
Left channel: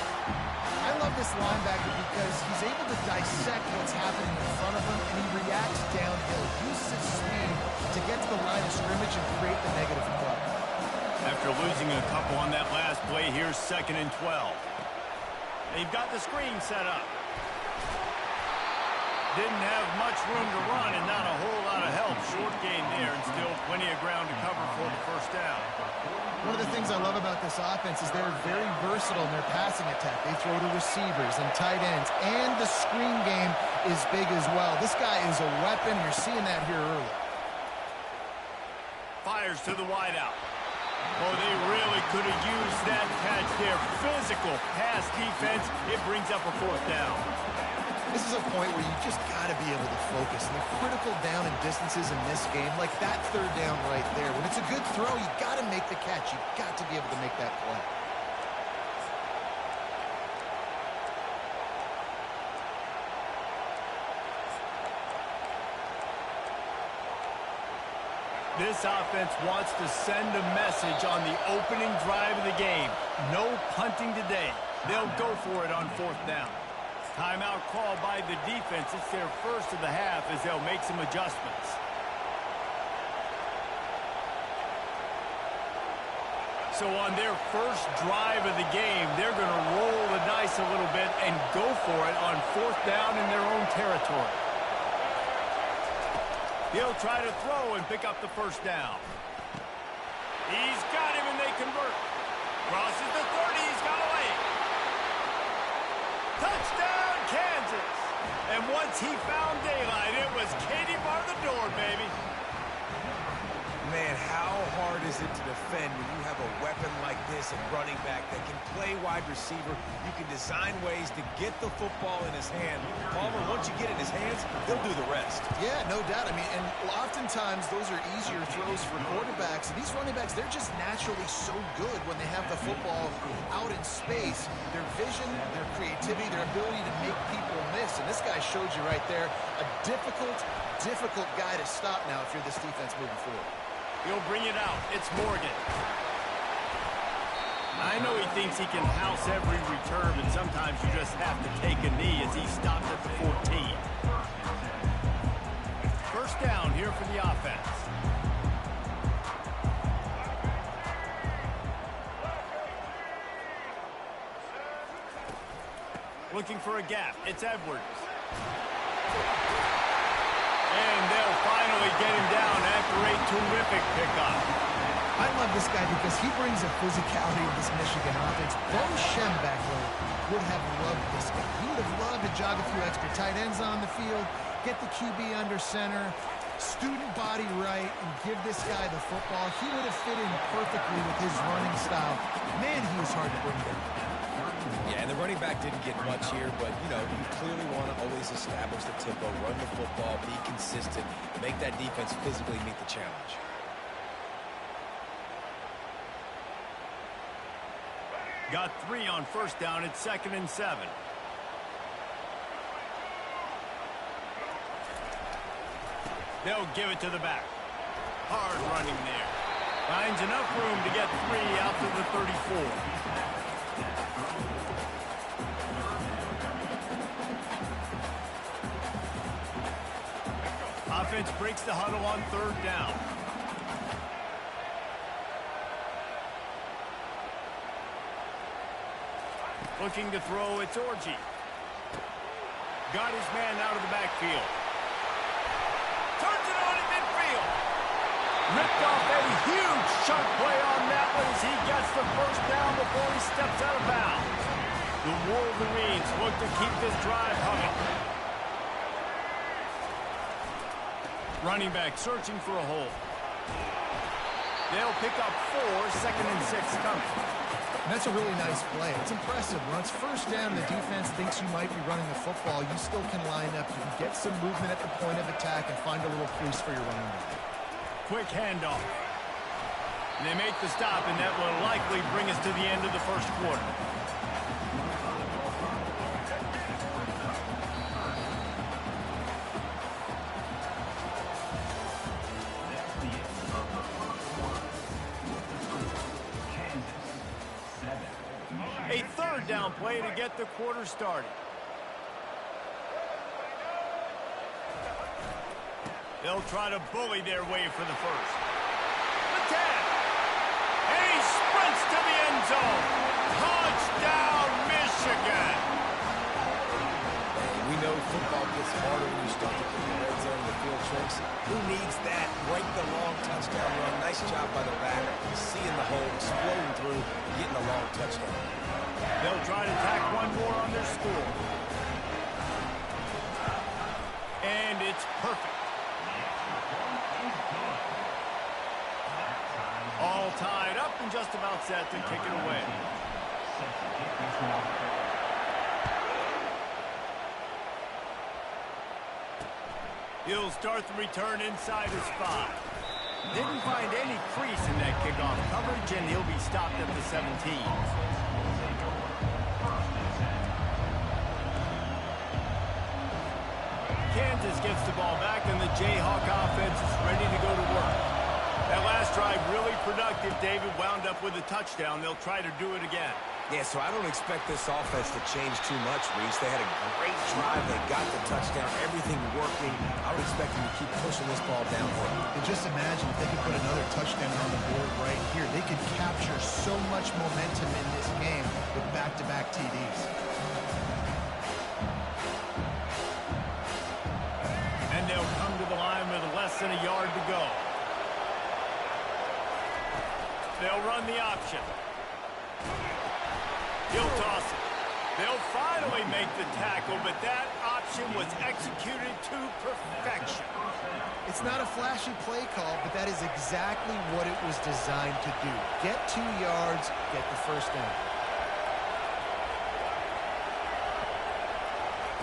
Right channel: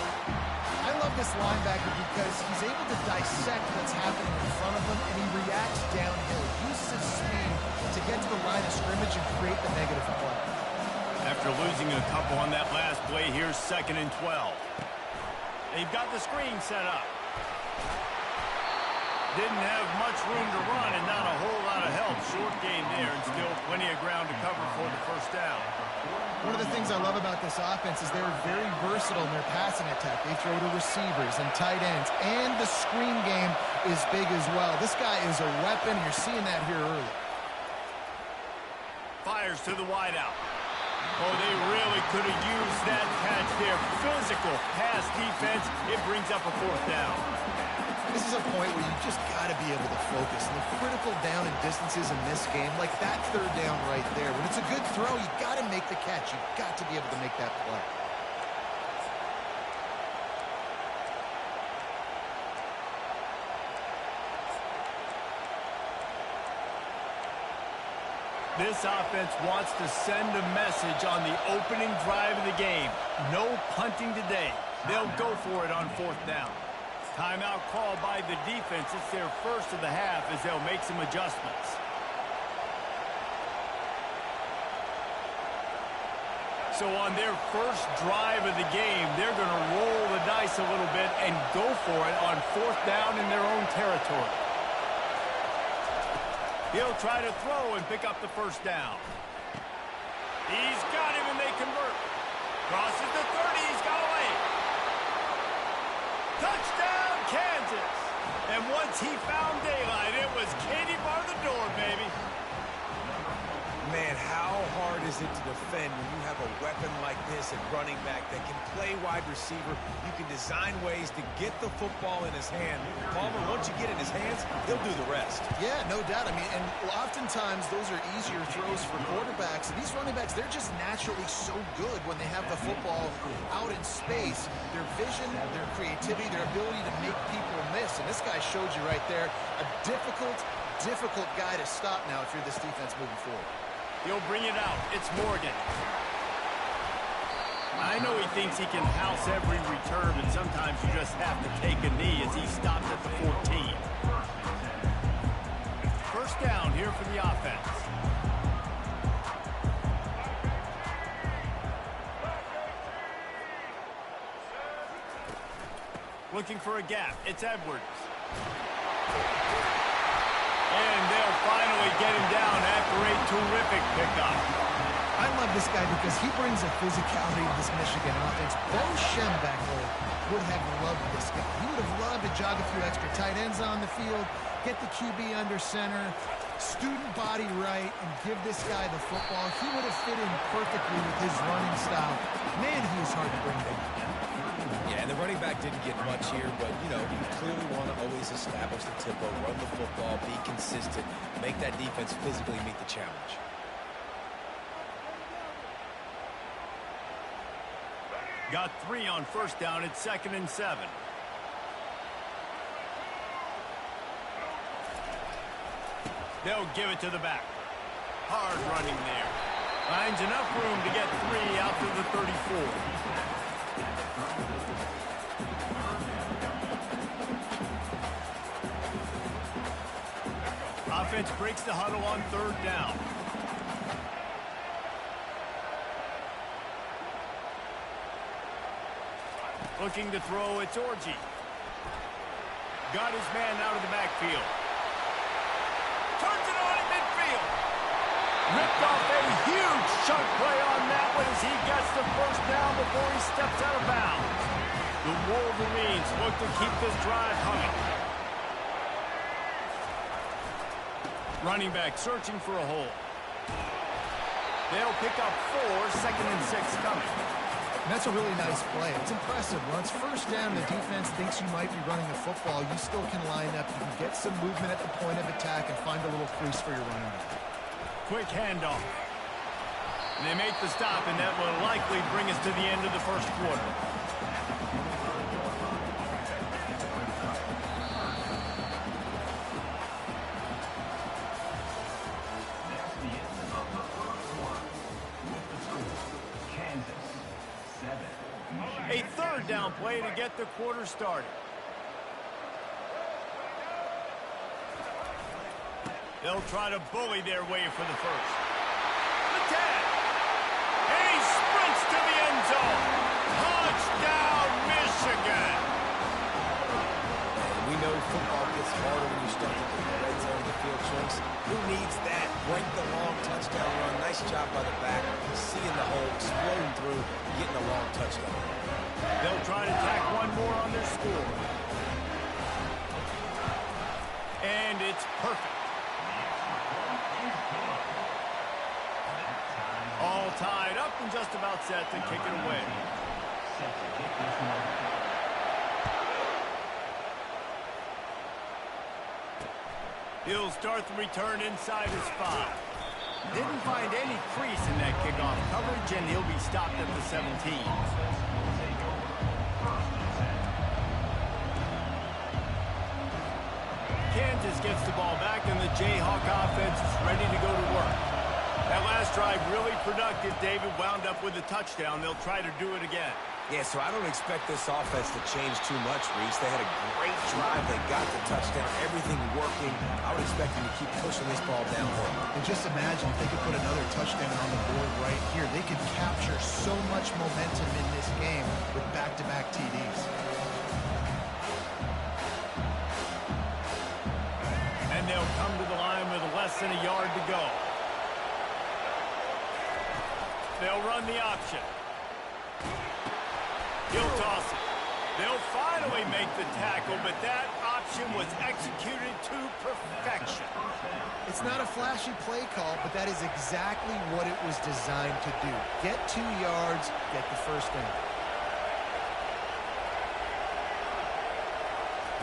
I love this linebacker because he's able to dissect what's happening in front of him, and he reacts downhill. He uses his speed to get to the line of scrimmage and create the negative play. After losing a couple on that last play, here's 2nd and 12. They've got the screen set up. Didn't have much room to run and not a whole lot of help. Short game there and still plenty of ground to cover for the first down. One of the things I love about this offense is they're very versatile in their passing attack. They throw to receivers and tight ends, and the screen game is big as well. This guy is a weapon, and you're seeing that here early. Fires to the wideout. Oh, they really could have used that catch there. Physical pass defense. It brings up a 4th down. This is a point where you just got to be able to focus. And the critical down and distances in this game, like that 3rd down right there, when it's a good throw, you got to make the catch. You got to be able to make that play. This offense wants to send a message on the opening drive of the game. No punting today. They'll go for it on 4th down. Timeout call by the defense. It's their first of the half as they'll make some adjustments. So on their first drive of the game, they're going to roll the dice a little bit and go for it on 4th down in their own territory. He'll try to throw and pick up the 1st down. He's got him and they convert. Crosses the 30, he's got away. Touchdown, Kansas. And once he found daylight, it was Katie bar the door, baby. Man, how hard is it to defend when you have a weapon like this at running back that can play wide receiver? You can design ways to get the football in his hand. Palmer, once you get it in his hands, he'll do the rest. Yeah, no doubt. I mean, and oftentimes those are easier throws for quarterbacks. And these running backs, they're just naturally so good when they have the football out in space. Their vision, their creativity, their ability to make people miss. And this guy showed you right there, a difficult guy to stop now if you're this defense moving forward. He'll bring it out. It's Morgan. I know he thinks he can house every return, but sometimes you just have to take a knee as he stopped at the 14. 1st down here for the offense. Looking for a gap. It's Edwards. And they'll finally get him down after a terrific pickup. I love this guy because he brings a physicality to this Michigan offense. Bo Schembechler would have loved this guy. He would have loved to jog a few extra tight ends on the field, get the QB under center, student body right, and give this guy the football. He would have fit in perfectly with his running style. Man, he was hard to bring down. Yeah, and the running back didn't get much here, but, you know, you clearly want to always establish the tempo, run the football, be consistent, make that defense physically meet the challenge. Got 3 on 1st down. It's 2nd and 7. They'll give it to the back. Hard running there. Finds enough room to get 3 out to the 34. Offense breaks the huddle on 3rd down. Looking to throw, it's Orji. Got his man out of the backfield. Turns it on in midfield. Ripped off a huge chunk play on that one as he gets the 1st down before he steps out of bounds. The Wolverines look to keep this drive humming. Running back searching for a hole. They'll pick up 4, 2nd and 6 coming. And that's a really nice play. It's impressive. When it's 1st down, the defense thinks you might be running the football. You still can line up. You can get some movement at the point of attack and find a little crease for your running back. Quick handoff. And they make the stop, and that will likely bring us to the end of the 1st quarter. A 3rd down play to get the quarter started. They'll try to bully their way for the 1st. The 10. And he sprints to the end zone. Touchdown, Michigan. We know football gets harder when you start to get the red zone and the field shrinks. Who needs that? Break the long touchdown run. Nice job by the back. Seeing the hole, exploding through, getting a long touchdown. They'll try to tack one more on their score. And it's perfect. All tied up and just about set to kick it away. He'll start the return inside his 5. Didn't find any crease in that kickoff coverage, and he'll be stopped at the 17. Kansas gets the ball back, and the Jayhawk offense is ready to go to work. That last drive really productive. David wound up with a touchdown. They'll try to do it again. Yeah, so I don't expect this offense to change too much, Reese. They had a great drive. They got the touchdown, everything working. I would expect them to keep pushing this ball downhill. And just imagine if they could put another touchdown on the board right here. They could capture so much momentum in this game with back-to-back TDs. And they'll come to the line with less than a yard to go. They'll run the option. He'll toss it. They'll finally make the tackle, but that option was executed to perfection. It's not a flashy play call, but that is exactly what it was designed to do. Get 2 yards, get the first down.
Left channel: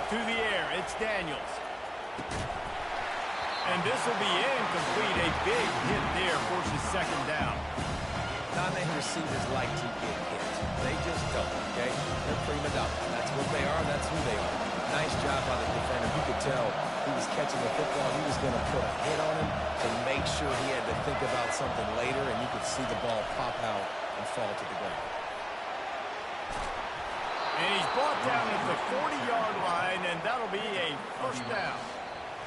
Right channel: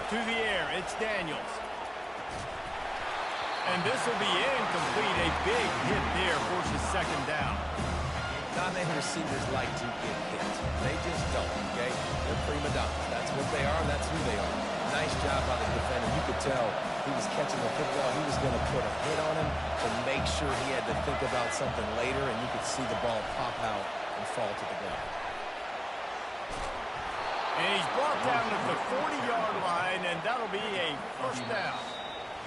To the air, it's Daniels. And this will be incomplete. A big hit there forces second down. Non-name receivers like to get hit. They just don't, okay? They're prima donnas. That's what they are. That's who they are. Nice job by the defender. You could tell he was catching the football. He was going to put a hit on him to make sure he had to think about something later, and you could see the ball pop out and fall to the ground. And he's brought down at the 40-yard line, and that'll be a first down.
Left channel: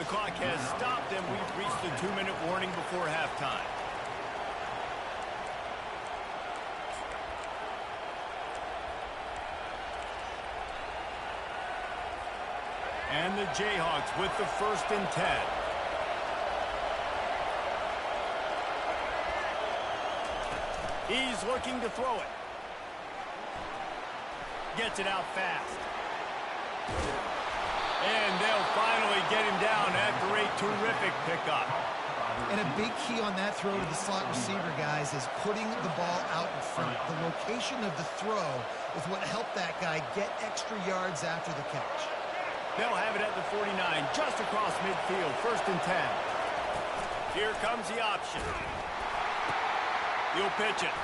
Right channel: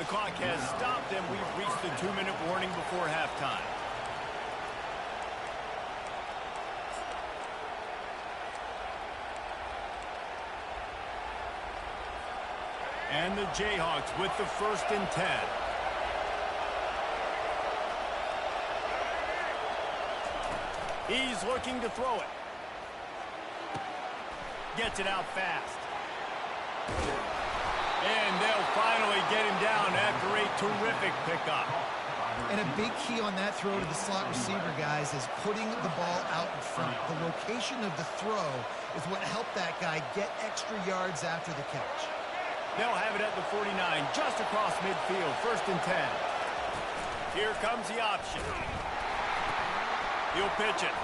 The clock has stopped, and we've reached the 2-minute warning before halftime. And the Jayhawks with the 1st and 10. He's looking to throw it. Gets it out fast. And they'll finally get him down after a terrific pickup. And a big key on that throw to the slot receiver, guys, is putting the ball out in front. The location of the throw is what helped that guy get extra yards after the catch. They'll have it at the 49, just across midfield, 1st and 10. Here comes the option. He'll pitch it.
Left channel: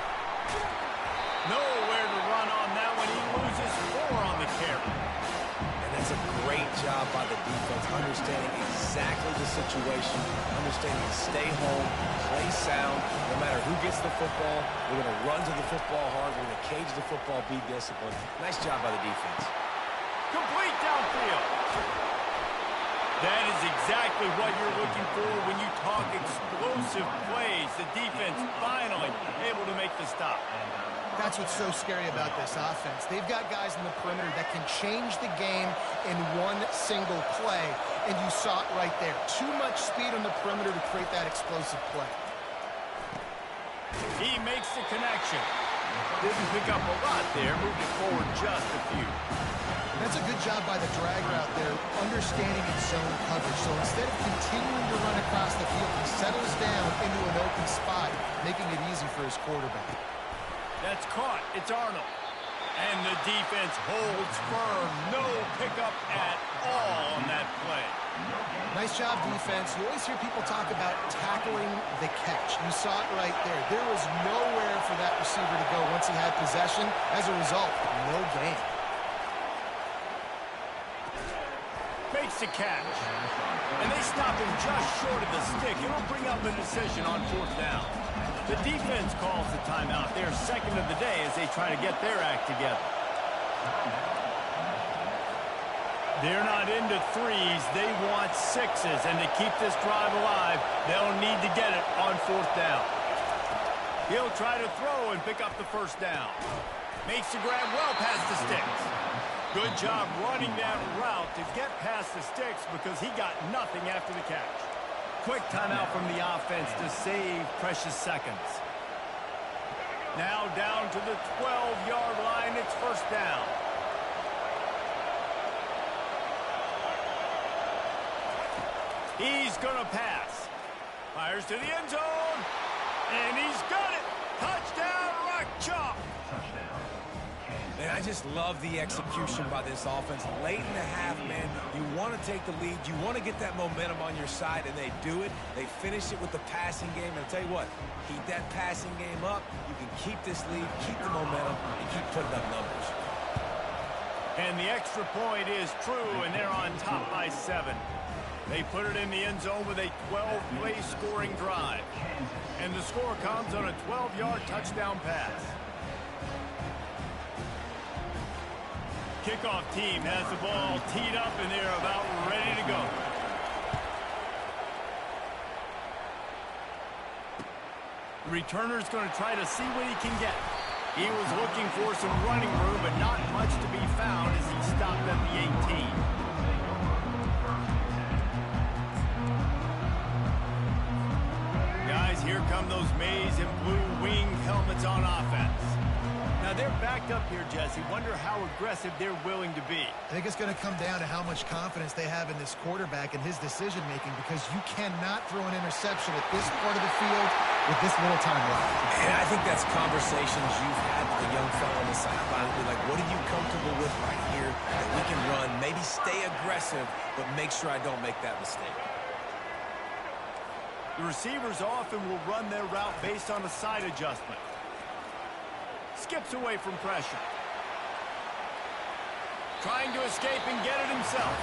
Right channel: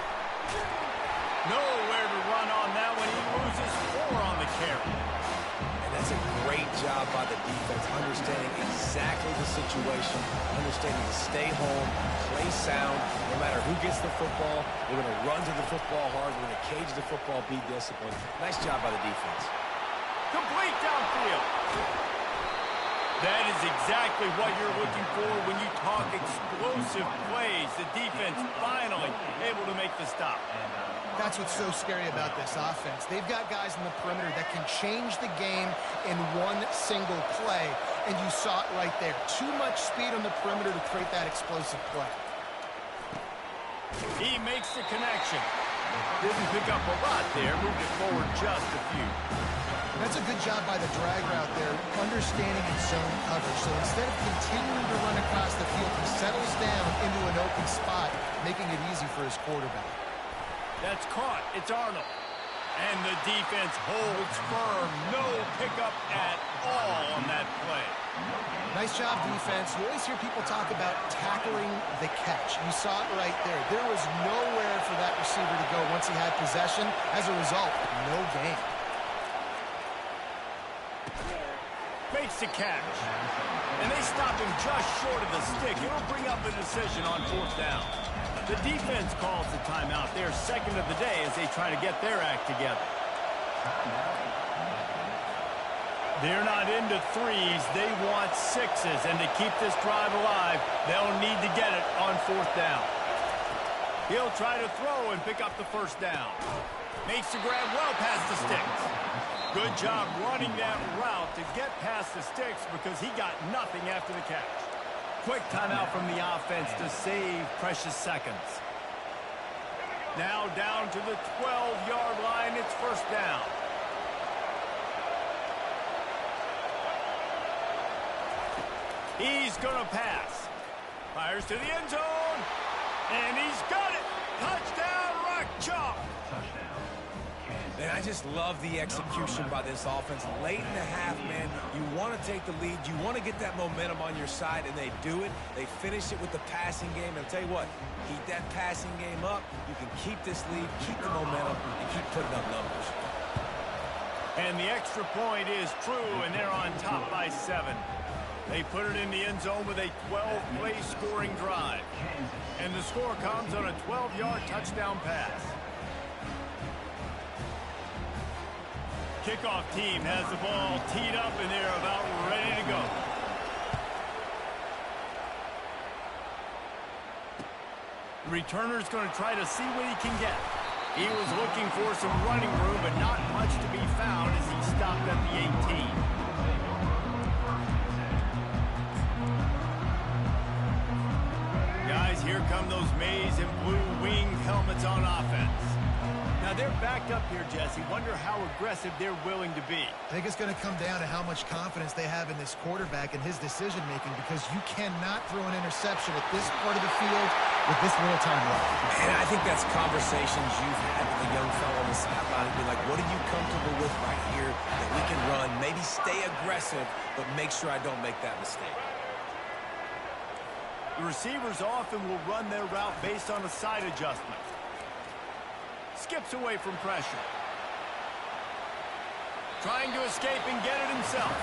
Nowhere to run on that one. He loses 4 on the carry. And that's a great job by the defense, understanding exactly the situation, understanding to stay home, play sound. No matter who gets the football, we're going to run to the football hard. We're going to cage the football, be disciplined. Nice job by the defense. Complete downfield. That is exactly what you're looking for when you talk explosive plays. The defense finally able to make the stop. That's what's so scary about this offense. They've got guys in the perimeter that can change the game in one single play, and you saw it right there. Too much speed on the perimeter to create that explosive play. He makes the connection. Didn't pick up a lot there, moved it forward just a few. That's a good job by the drag route there, understanding its zone coverage. So instead of continuing to run across the field, he settles down into an open spot, making it easy for his quarterback. That's caught. It's Arnold. And the defense holds firm. No pickup at all on that play. Nice job, defense. You always hear people talk about tackling the catch. You saw it right there. There was nowhere for that receiver to go once he had possession. As a result, no gain. Makes the catch. And they stop him just short of the stick. It'll bring up a decision on 4th down. The defense calls the timeout. They're 2nd of the day as they try to get their act together. They're not into 3s. They want 6s. And to keep this drive alive, they'll need to get it on 4th down. He'll try to throw and pick up the 1st down. Makes the grab well past the sticks. Good job running that route to get past the sticks because he got nothing after the catch. Quick timeout from the offense to save precious seconds. Now down to the 12-yard line. It's 1st down. He's going to pass. Fires to the end zone. And he's got it. Touchdown, Rock Chalk. Touchdown. Man, I just love the execution by this offense. Late in the half, man, you want to take the lead. You want to get that momentum on your side, and they do it. They finish it with the passing game. And I'll tell you what, keep that passing game up. You can keep this lead, keep the momentum, and keep putting up numbers. And the extra point is true, and they're on top by 7. They put it in the end zone with a 12-play scoring drive. And the score comes on a 12-yard touchdown pass. Kickoff team has the ball teed up, and they're about ready to go. The returner's going to try to see what he can get. He was looking for some running room, but not much to be found as he stopped at the 18. Guys, here come those maize and blue wing helmets on offense. Now they're backed up here, Jesse. Wonder how aggressive they're willing to be. I think it's going to come down to how much confidence they have in this quarterback and his decision-making, because you cannot throw an interception at this part of the field with this little time left. And I think that's conversations you've had with a young fellow on the sideline. Be like, what are you comfortable with right here that we can run? Maybe stay aggressive, but make sure I don't make that mistake. The receivers often will run their route based on a side adjustment. Skips away from pressure. Trying to escape and get it himself.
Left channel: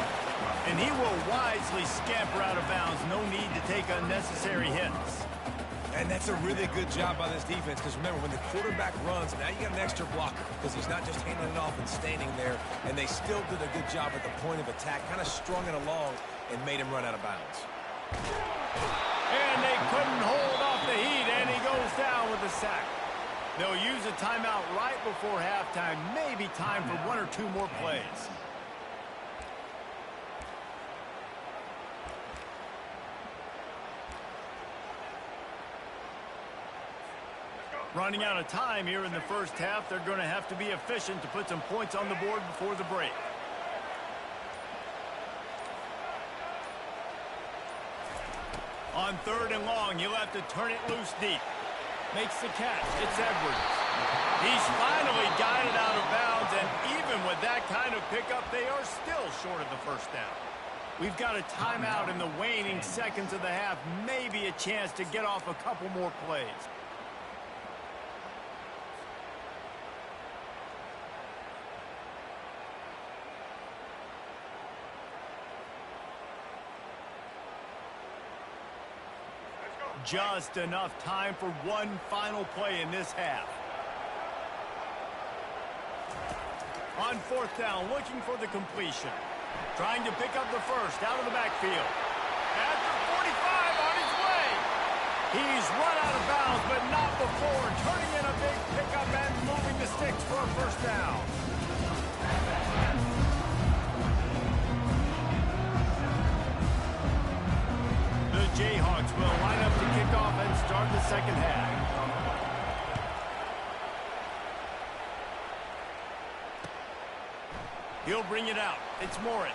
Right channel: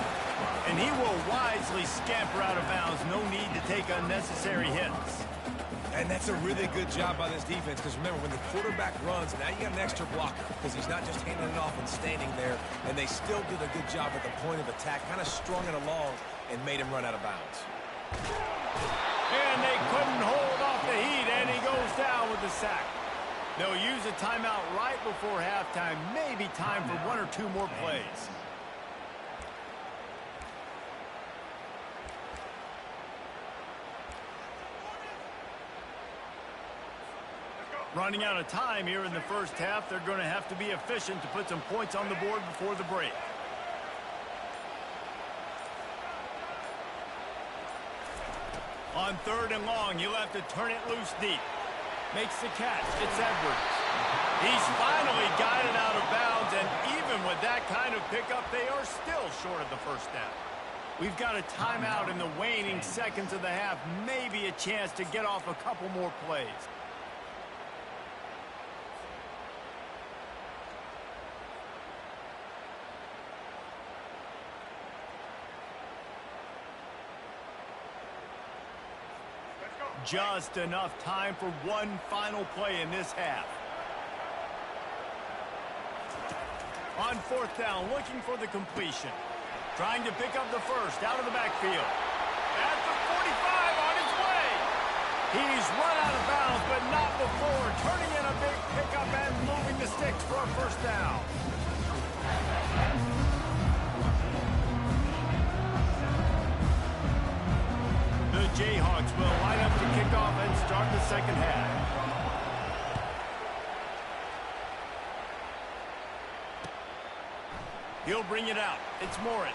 And he will wisely scamper out of bounds. No need to take unnecessary hits. And that's a really good job by this defense, because remember, when the quarterback runs, now you got an extra blocker, because he's not just handing it off and standing there, and they still did a good job at the point of attack, kind of strung it along and made him run out of bounds. And they couldn't hold off the heat, and he goes down with the sack. They'll use a timeout right before halftime. Maybe time for one or two more plays. Running out of time here in the first half. They're going to have to be efficient to put some points on the board before the break. On 3rd and long, he'll have to turn it loose deep. Makes the catch. It's Edwards. He's finally got it out of bounds, and even with that kind of pickup, they are still short of the first down. We've got a timeout in the waning seconds of the half. Maybe a chance to get off a couple more plays. Just enough time for one final play in this half. On 4th down, looking for the completion. Trying to pick up the first out of the backfield. At the 45, on his way. He's run out of bounds, but not before turning in a big pickup and moving the sticks for a first down. The Jayhawks will line up to kick off and start the second half. He'll bring it out. It's Morris.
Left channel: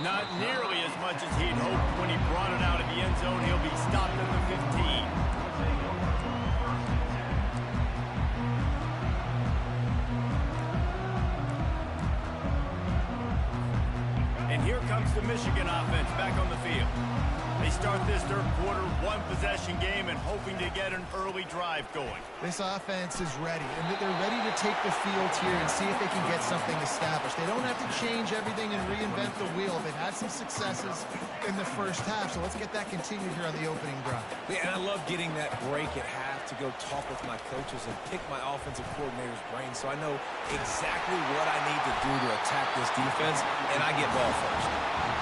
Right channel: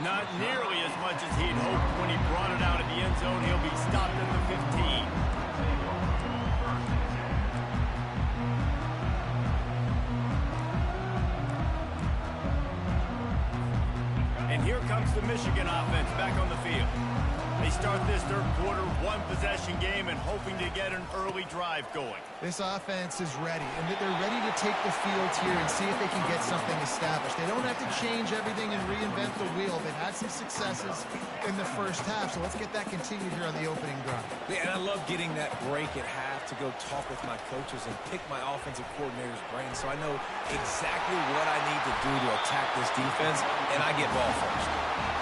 Not nearly as much as he'd hoped when he brought it out of the end zone. He'll be stopped at the 15. And here comes the Michigan offense back on the field. They start this third quarter, one-possession game, and hoping to get an early drive going. This offense is ready, and they're ready to take the field here and see if they can get something established. They don't have to change everything and reinvent the wheel. They've had some successes in the first half, so let's get that continued here on the opening drive. Yeah, and I love getting that break at half to go talk with my coaches and pick my offensive coordinator's brain, so I know exactly what I need to do to attack this defense, and I get ball first.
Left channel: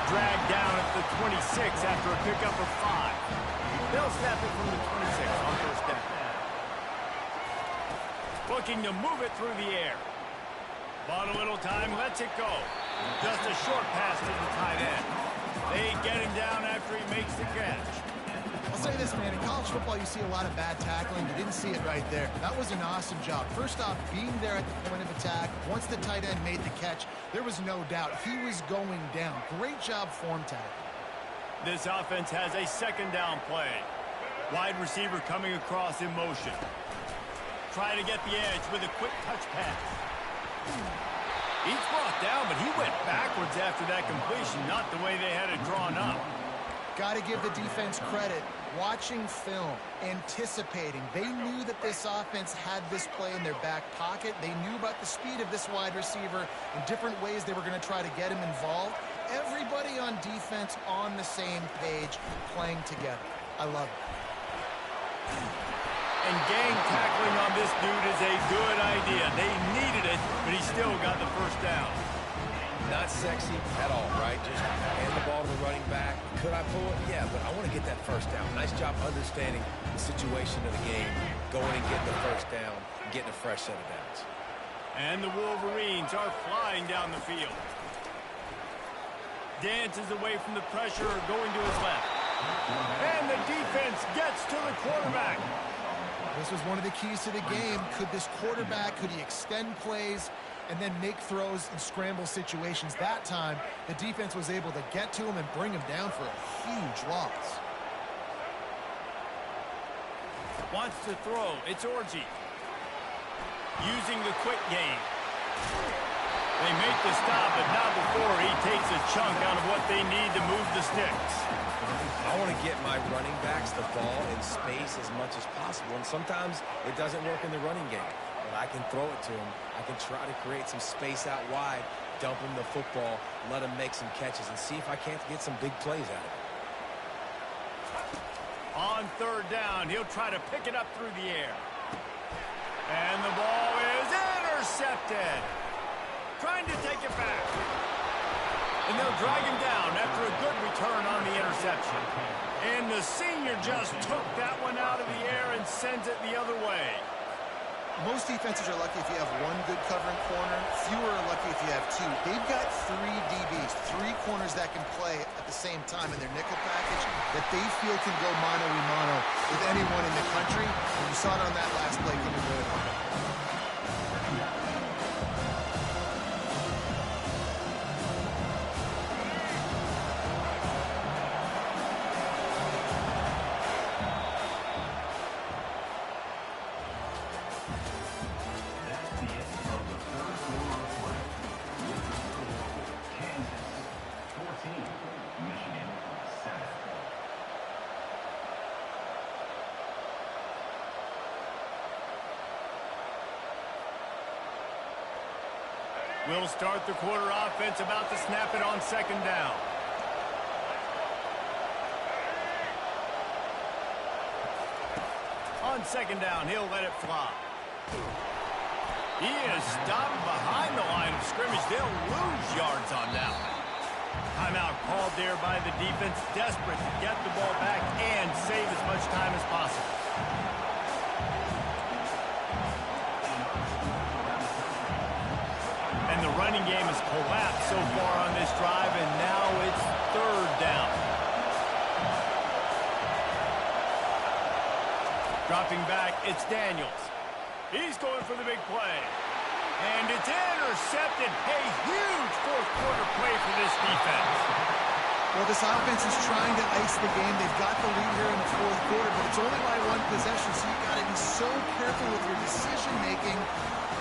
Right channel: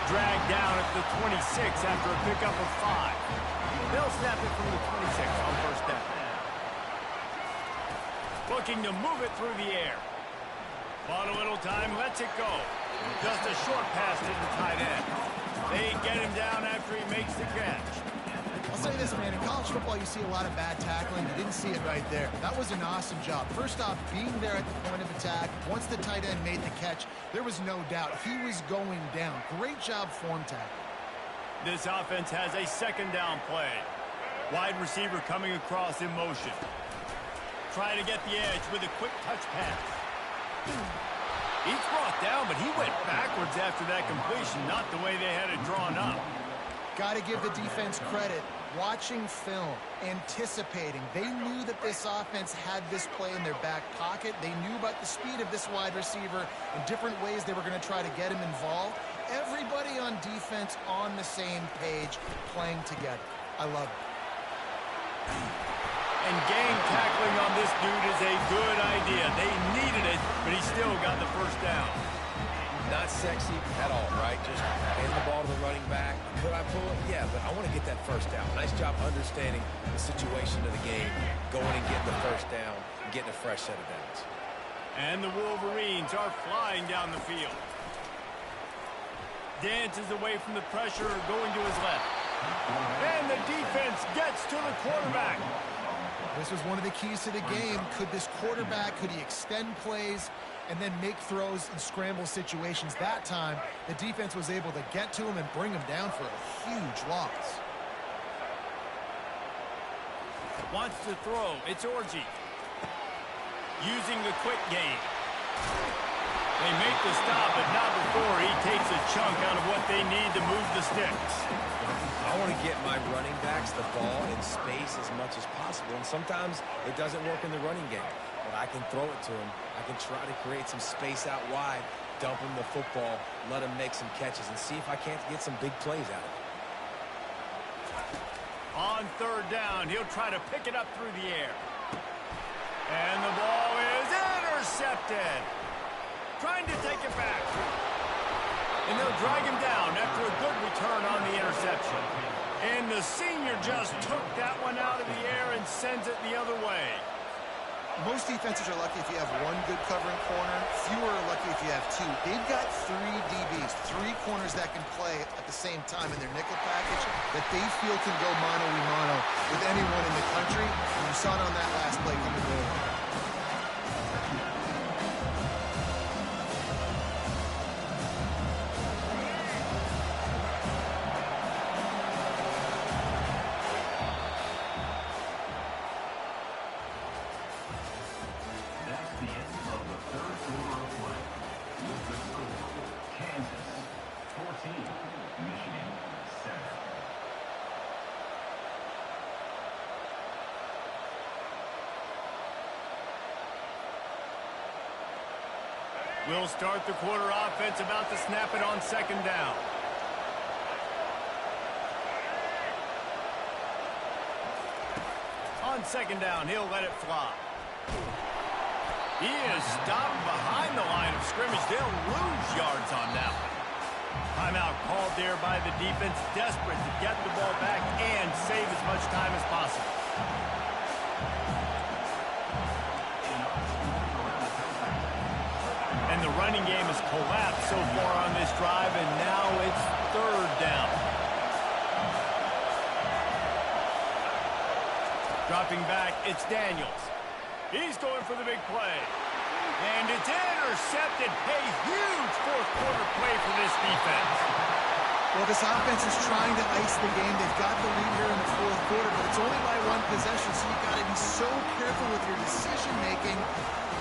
Dragged down at the 26 after a pickup of 5. They'll snap it from the 26 on first down. Looking to move it through the air. Bought a little time, lets it go. Just a short pass to the tight end. They get him down after he makes the catch. I'll say this, man, in college football you see a lot of bad tackling. You didn't see it right there. That was an awesome job. First off, being there at the point of attack. Once the tight end made the catch, there was no doubt he was going down. Great job form tackling. This offense has a second down play. Wide receiver coming across in motion. Trying to get the edge with a quick touch pass. He's brought down, but he went backwards after that completion, not the way they had it drawn up. Got to give the defense credit. Watching film, anticipating. They knew that this offense had this play in their back pocket. They knew about the speed of this wide receiver and different ways they were going to try to get him involved. Everybody on defense on the same page, playing together. I love it. And gang tackling on this dude is a good idea. They needed it, but he still got the first down. Not sexy at all, right? Just hand the ball to the running back. Could I pull it? Yeah, but I want to get that first down. Nice job understanding the situation of the game, going and getting the first down, and getting a fresh set of downs. And the Wolverines are flying down the field. Dances away from the pressure, going to his left. And the defense gets to the quarterback. This was one of the keys to the game. Could this quarterback, could he extend plays and then make throws in scramble situations? That time, the defense was able to get to him and bring him down for a huge loss. Wants to throw. It's Orji. Using the quick game. They make the stop, but not before he takes a chunk out of what they need to move the sticks. I want to get my running backs the ball in space as much as possible, and sometimes it doesn't work in the running game. But I can throw it to him. I can try to create some space out wide, dump him the football, let him make some catches, and see if I can't get some big plays out of it. On third down, he'll try to pick it up through the air. And the ball is intercepted. Trying to take it back. And they'll drag him down after a good return on the interception. And the senior just took that one out of the air and sends it the other way. Most defenses are lucky if you have one good covering corner. Fewer are lucky if you have two. They've got 3 DBs, 3 corners that can play at the same time in their nickel package that they feel can go mano-a-mano with anyone in the country. And you saw it on that last play coming good. We'll start the quarter offense, about to snap it on second down. On second down, he'll let it fly. He is stopped behind the line of scrimmage. They'll lose yards on that one. Timeout called there by the defense, desperate to get the ball back and save as much time as possible. And the running game has collapsed so far on this drive, and now it's third down. Dropping back, it's Daniels. He's going for the big play. And it's intercepted. A huge fourth quarter play for this defense. Well, this offense is trying to ice the game. They've got the lead here in the fourth quarter, but it's only by 1 possession, so you've got to be so careful with your decision-making.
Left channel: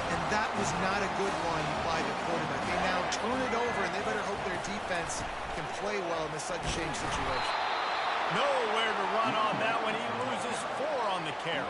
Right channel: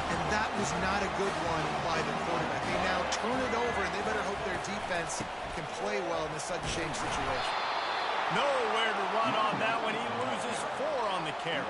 And that was not a good one by the quarterback. They now turn it over, and they better hope their defense can play well in this sudden change situation. Nowhere to run on that one. He loses 4 on the carry.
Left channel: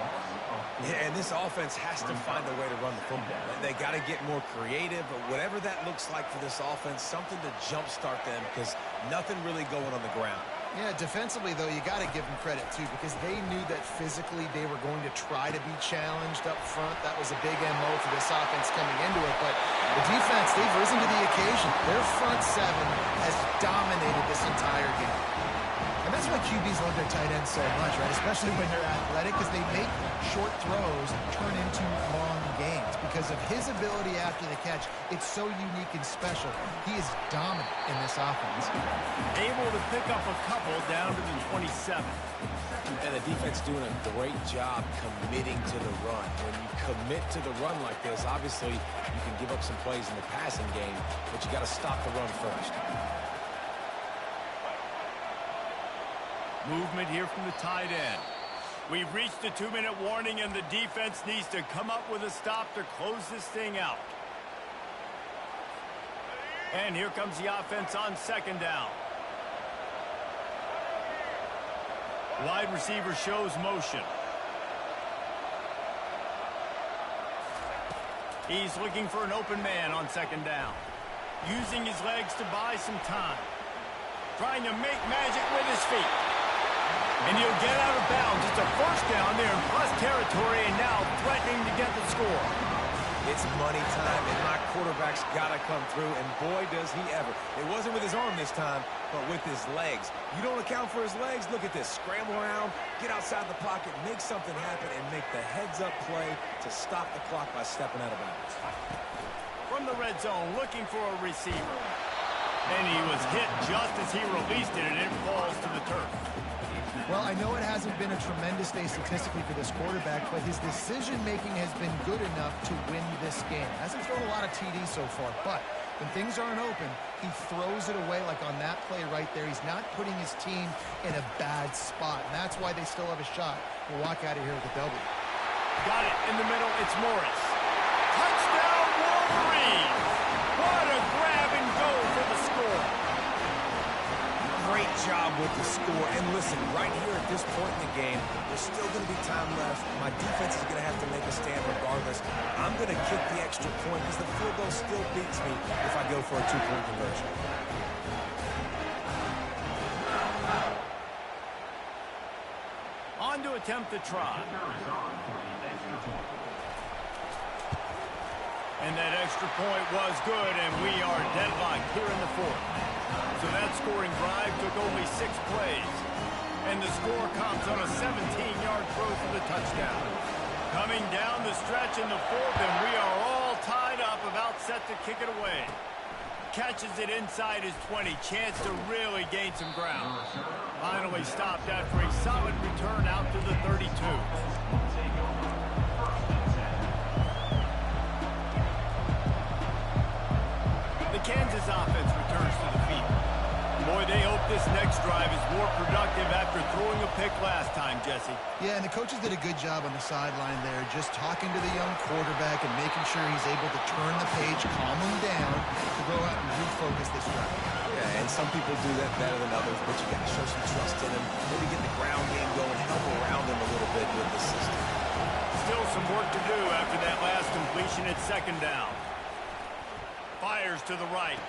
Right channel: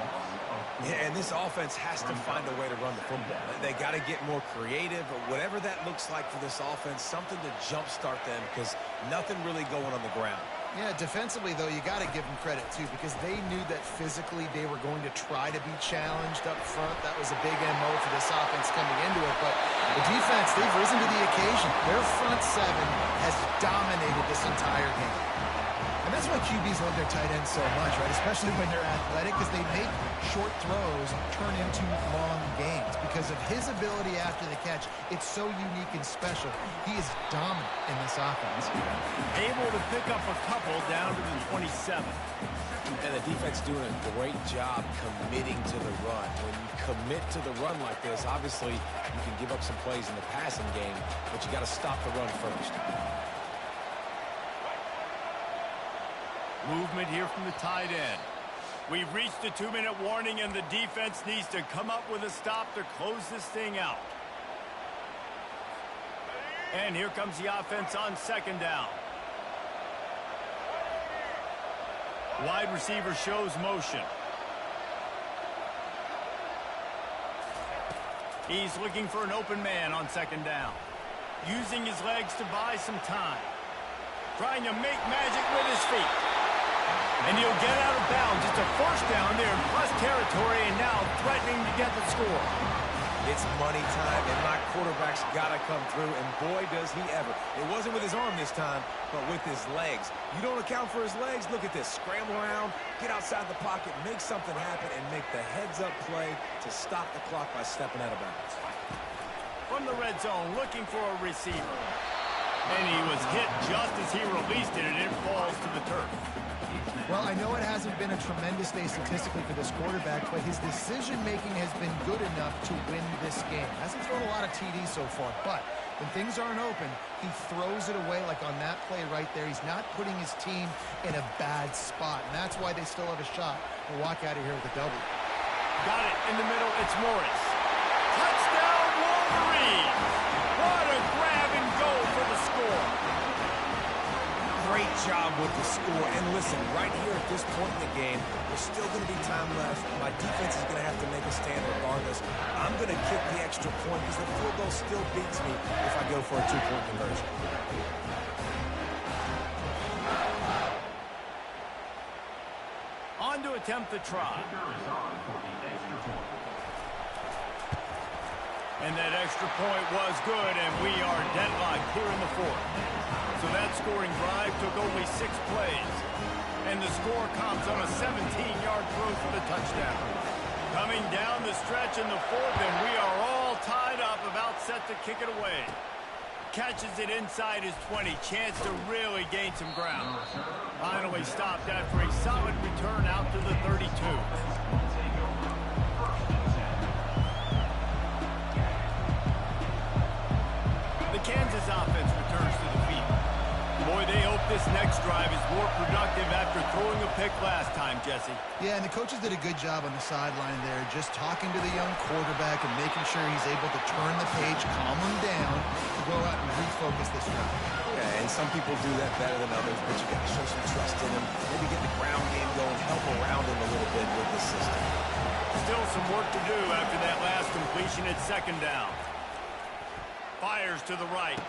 Yeah, and this offense has to find a way to run the football. They got to get more creative, but whatever that looks like for this offense, something to jumpstart them, because nothing really going on the ground. Yeah, defensively, though, you got to give them credit, too, because they knew that physically they were going to try to be challenged up front. That was a big MO for this offense coming into it. But the defense, they've risen to the occasion. Their front 7 has dominated this entire game. And that's why QBs love their tight ends so much, right? Especially when they're athletic, because they make short throws turn into long gains. Because of his ability after the catch, it's so unique and special. He is dominant in this offense. Able to pick up a couple down to the 27. And the defense doing a great job committing to the run. When you commit to the run like this, obviously you can give up some plays in the passing game, but you got to stop the run first. Movement here from the tight end. We've reached a 2-minute warning, and the defense needs to come up with a stop to close this thing out. And here comes the offense on second down. Wide receiver shows motion. He's looking for an open man on second down. Using his legs to buy some time. Trying to make magic with his feet. And he'll get out of bounds. It's a first down. They're in plus territory and now threatening to get the score. It's money time, and my quarterback's got to come through, and boy, does he ever. It wasn't with his arm this time, but with his legs. You don't account for his legs? Look at this. Scramble around, get outside the pocket, make something happen, and make the heads-up play to stop the clock by stepping out of bounds. From the red zone, looking for a receiver. And he was hit just as he released it, and it falls to the turf. Well, I know it hasn't been a tremendous day statistically for this quarterback, but his decision-making has been good enough to win this game. Hasn't thrown a lot of TDs so far, but when things aren't open, he throws it away like on that play right there. He's not putting his team in a bad spot, and that's why they still have a shot to walk out of here with a W. Got it in the middle. It's Morris. Touchdown, Wolverines! What a grab and go for the score. Great job with the score. And listen, right here at this point in the game, there's still going to be time left. My defense is going to have to make a stand regardless. I'm going to kick the extra point because the field goal still beats me if I go for a two-point conversion. On to attempt the try. And that extra point was good, and we are deadlocked here in the fourth. So that scoring drive took only 6 plays. And the score comes on a 17-yard throw for the touchdown. Coming down the stretch in the fourth, and we are all tied up, about set to kick it away. Catches it inside his 20. Chance to really gain some ground. Finally stopped after a solid return out to the 32. The Kansas offense returns to the field. Boy, they hope this next drive is more productive after throwing a pick last time, Jesse. Yeah, and the coaches did a good job on the sideline there, just talking to the young quarterback and making sure he's able to turn the page, calm him down, to go out and refocus this drive. Yeah, and some people do that better than others, but you got to show some trust in him. Maybe get the ground game going, help around him a little bit with the system. Still some work to do after that last completion at second down. Fires to the right.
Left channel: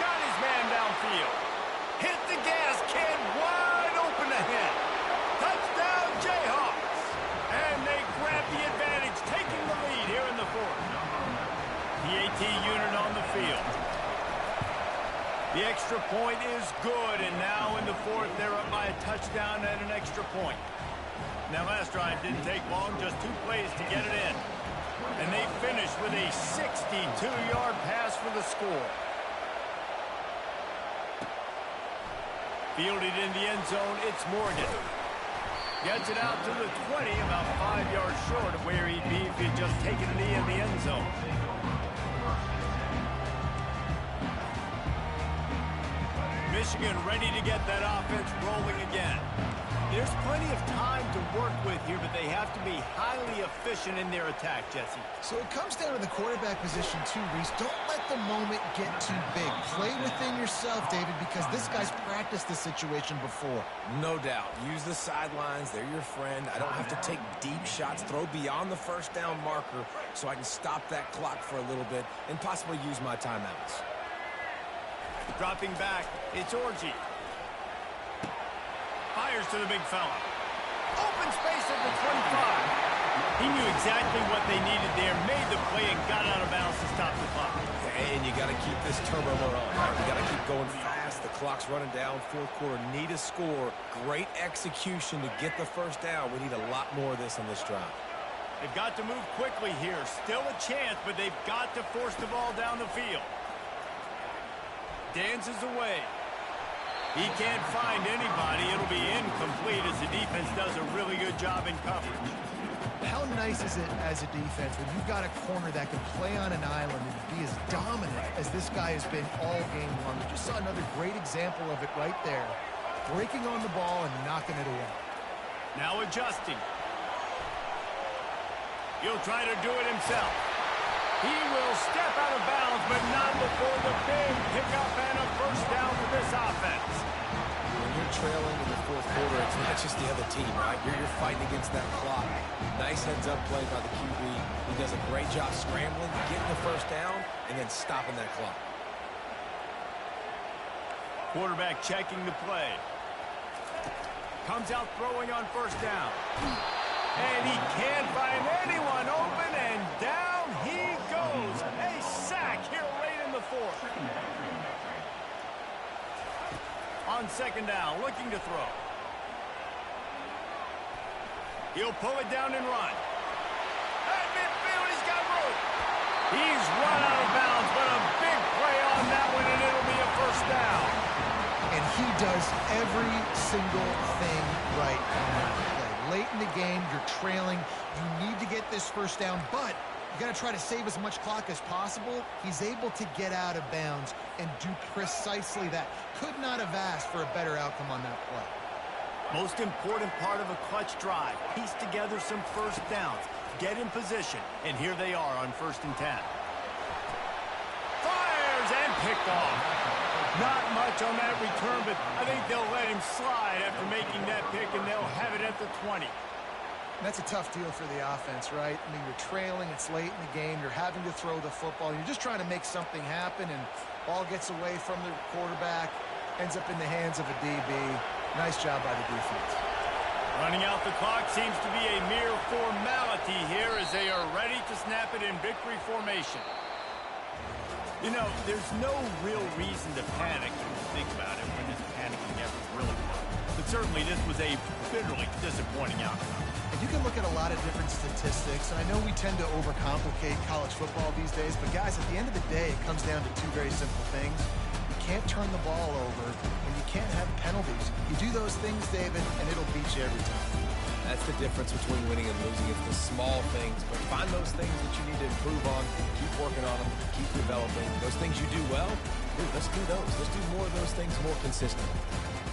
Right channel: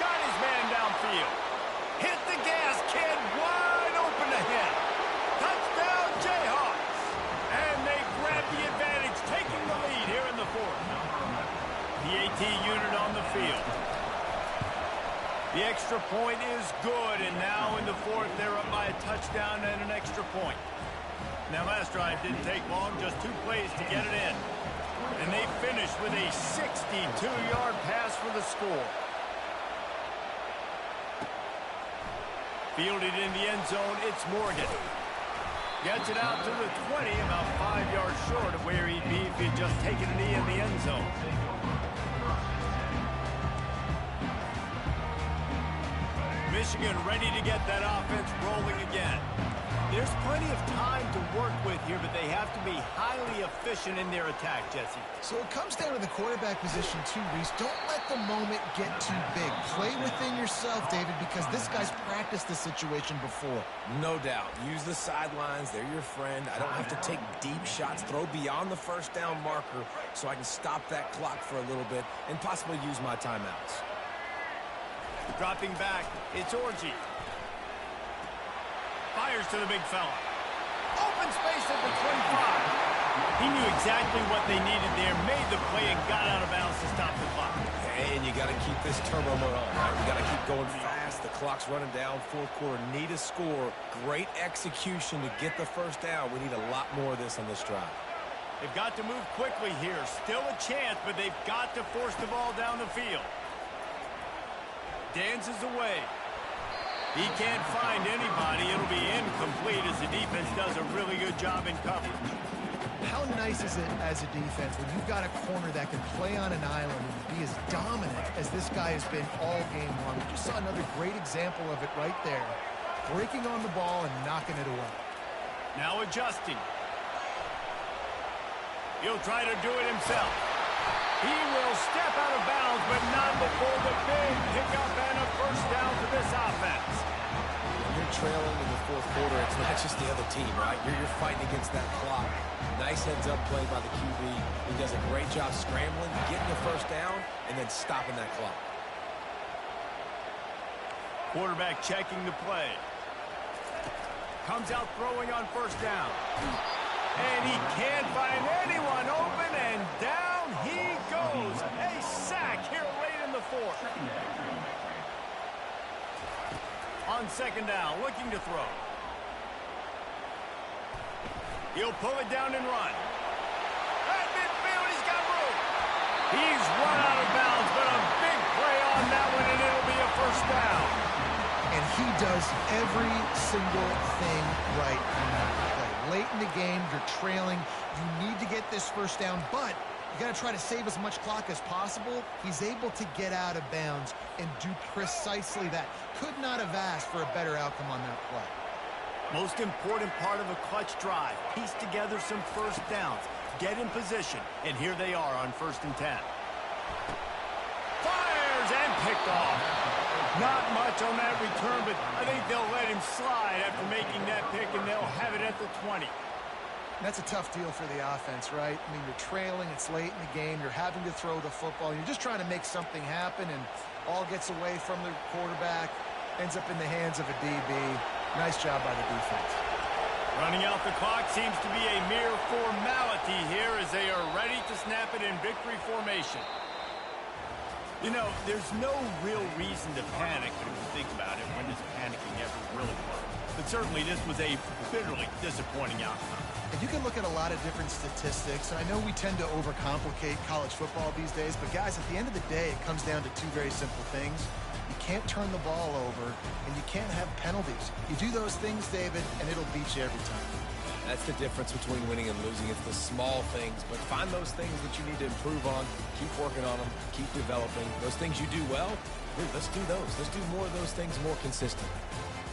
Got his man downfield. Hit the gas, kid. Wide open ahead. Touchdown, Jayhawks. And they grab the advantage, taking the lead here in the fourth. The AT unit on the field. The extra point is good, and now in the fourth, they're up by a touchdown and an extra point. Now, last drive didn't take long, just 2 plays to get it in. And they finish with a 62-yard pass for the score. Fielded in the end zone, it's Morgan. Gets it out to the 20, about 5 yards short of where he'd be if he'd just taken a knee in the end zone. Michigan ready to get that offense rolling again. There's plenty of time to work with here, but they have to be highly efficient in their attack, Jesse. So it comes down to the quarterback position too, Reese. Don't let the moment get too big. Play within yourself, David, because this guy's practiced this situation before. No doubt. Use the sidelines. They're your friend. I don't have to take deep shots. Throw beyond the first down marker so I can stop that clock for a little bit and possibly use my timeouts. Dropping back, it's Orji. Fires to the big fella. Open space at the 25. He knew exactly what they needed there, made the play, and got out of bounds to stop the clock. And you got to keep this turbo mode on, right? You got to keep going fast. The clock's running down. Fourth quarter, need a score. Great execution to get the first down. We need a lot more of this on this drive. They've got to move quickly here. Still a chance, but they've got to force the ball down the field. Dances away. He can't find anybody. It'll be incomplete as the defense does a really good job in coverage. How nice is it as a defense when you've got a corner that can play on an island and be as dominant as this guy has been all game long? We just saw another great example of it right there. Breaking on the ball and knocking it away. Now adjusting. He'll try to do it himself. He will step out of bounds, but not before the big pickup and a first down for this offense. When you're trailing in the fourth quarter, it's not just the other team, right? You're fighting against that clock. Nice heads-up play by the QB. He does a great job scrambling, getting the first down, and then stopping that clock. Quarterback checking the play. comes out throwing on first down. And he can't find anyone open, and down he goes. A sack here late in the fourth. On second down, looking to throw. He'll pull it down and run. At midfield, he's got room. He's run out of bounds, but a big play on that one, and it'll be a first down. And he does every single thing right on that play. Late in the game, you're trailing. You need to get this first down, but you got to try to save as much clock as possible. He's able to get out of bounds and do precisely that. Could not have asked for a better outcome on that play. Most important part of a clutch drive. Piece together some first downs. Get in position. And here they are on 1st and 10. Fires and picked off. Not much on that return, but I think they'll let him slide after making that pick, and they'll have it at the 20. That's a tough deal for the offense, right? I mean, you're trailing, it's late in the game, you're having to throw the football, you're just trying to make something happen, and ball gets away from the quarterback, ends up in the hands of a DB. Nice job by the defense. Running out the clock seems to be a mere formality here as they are ready to snap it in victory formation. You know, there's no real reason to panic, but if you think about it, when does panicking ever really work? But certainly this was a bitterly disappointing outcome. And you can look at a lot of different statistics, and I know we tend to overcomplicate college football these days, but guys, at the end of the day, it comes down to two very simple things. You can't turn the ball over, and you can't have penalties. You do those things, David, and it'll beat you every time. That's the difference between winning and losing. It's the small things, but find those things that you need to improve on. Keep working on them. Keep developing. Those things you do well, dude, let's do those. Let's do more of those things more consistently.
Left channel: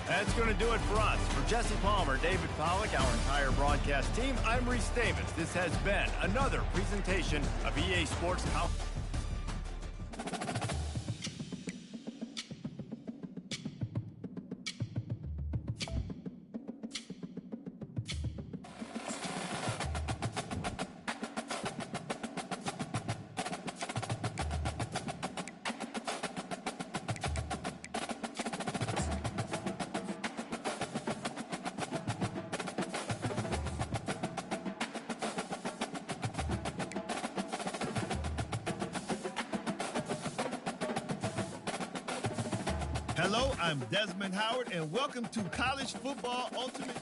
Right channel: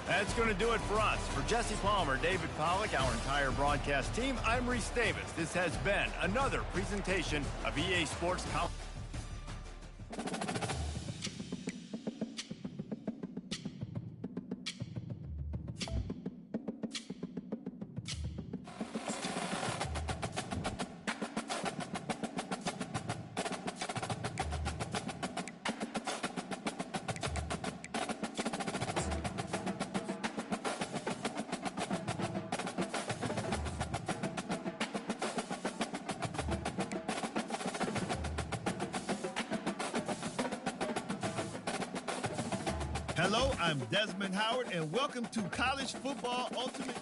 That's going to do it for us. For Jesse Palmer, David Pollack, our entire broadcast team, I'm Reese Davis. This has been another presentation of EA Sports College. Hello, I'm Desmond Howard, and welcome to College Football Ultimate.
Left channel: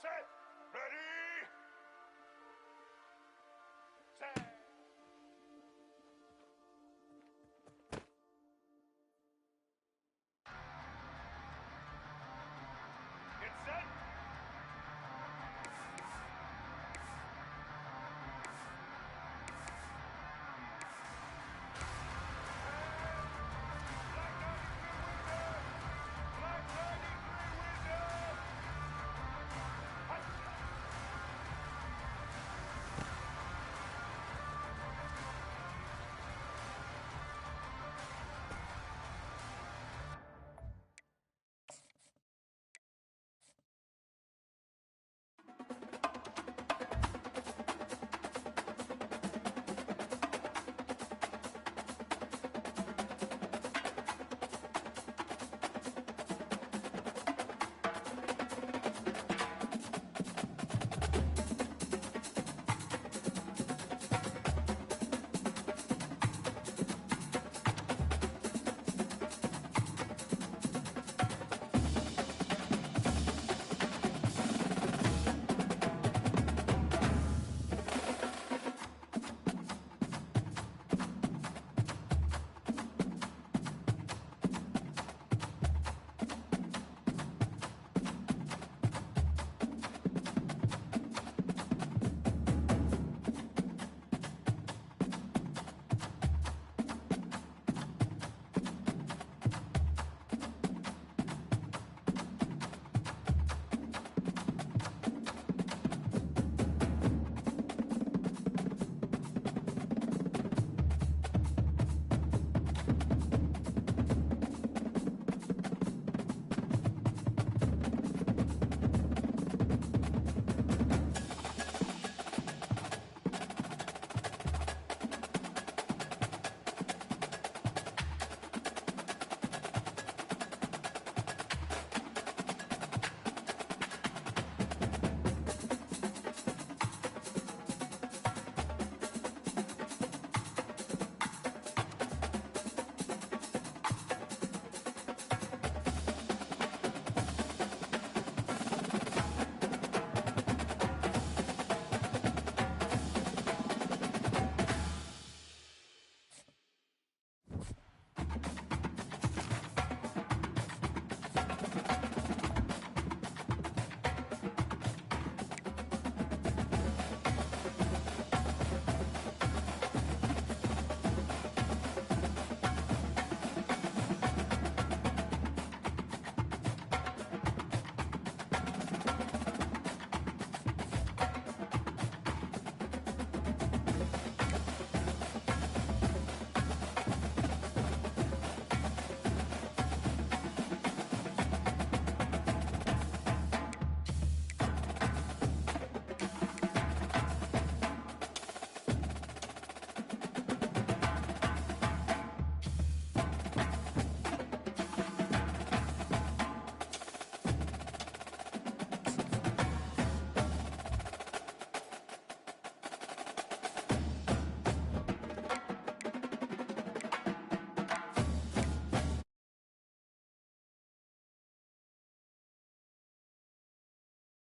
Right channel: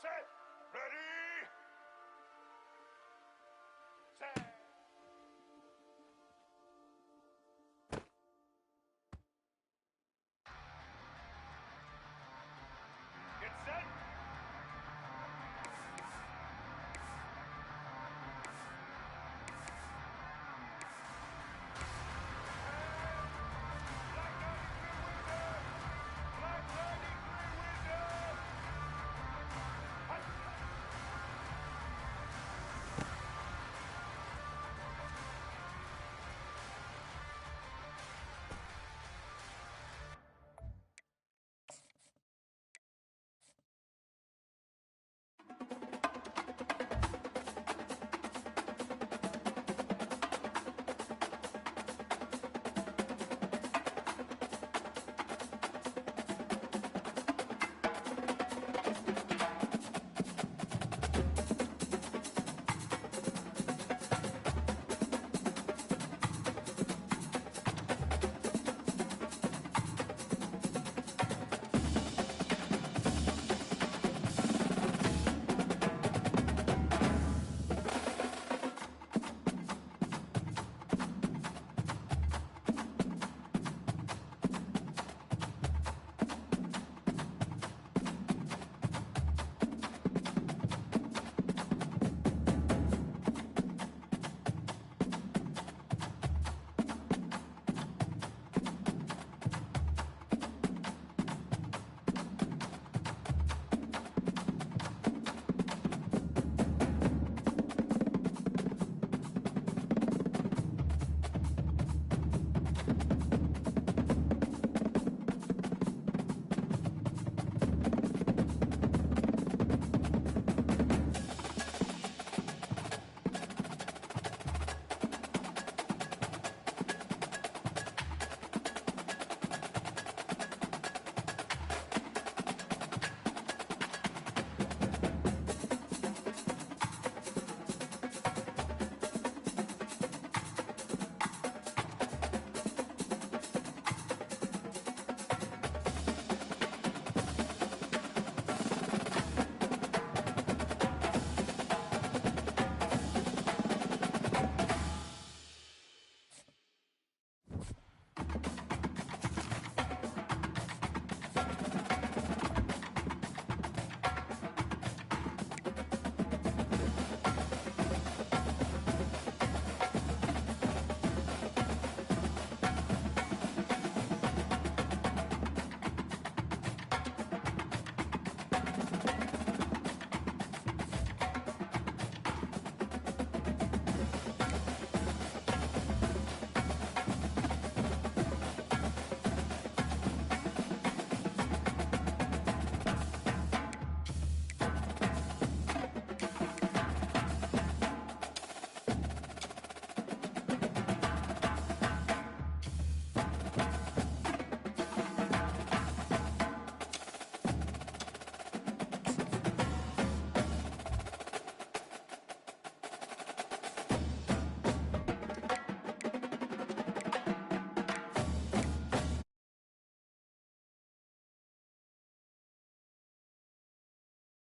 set.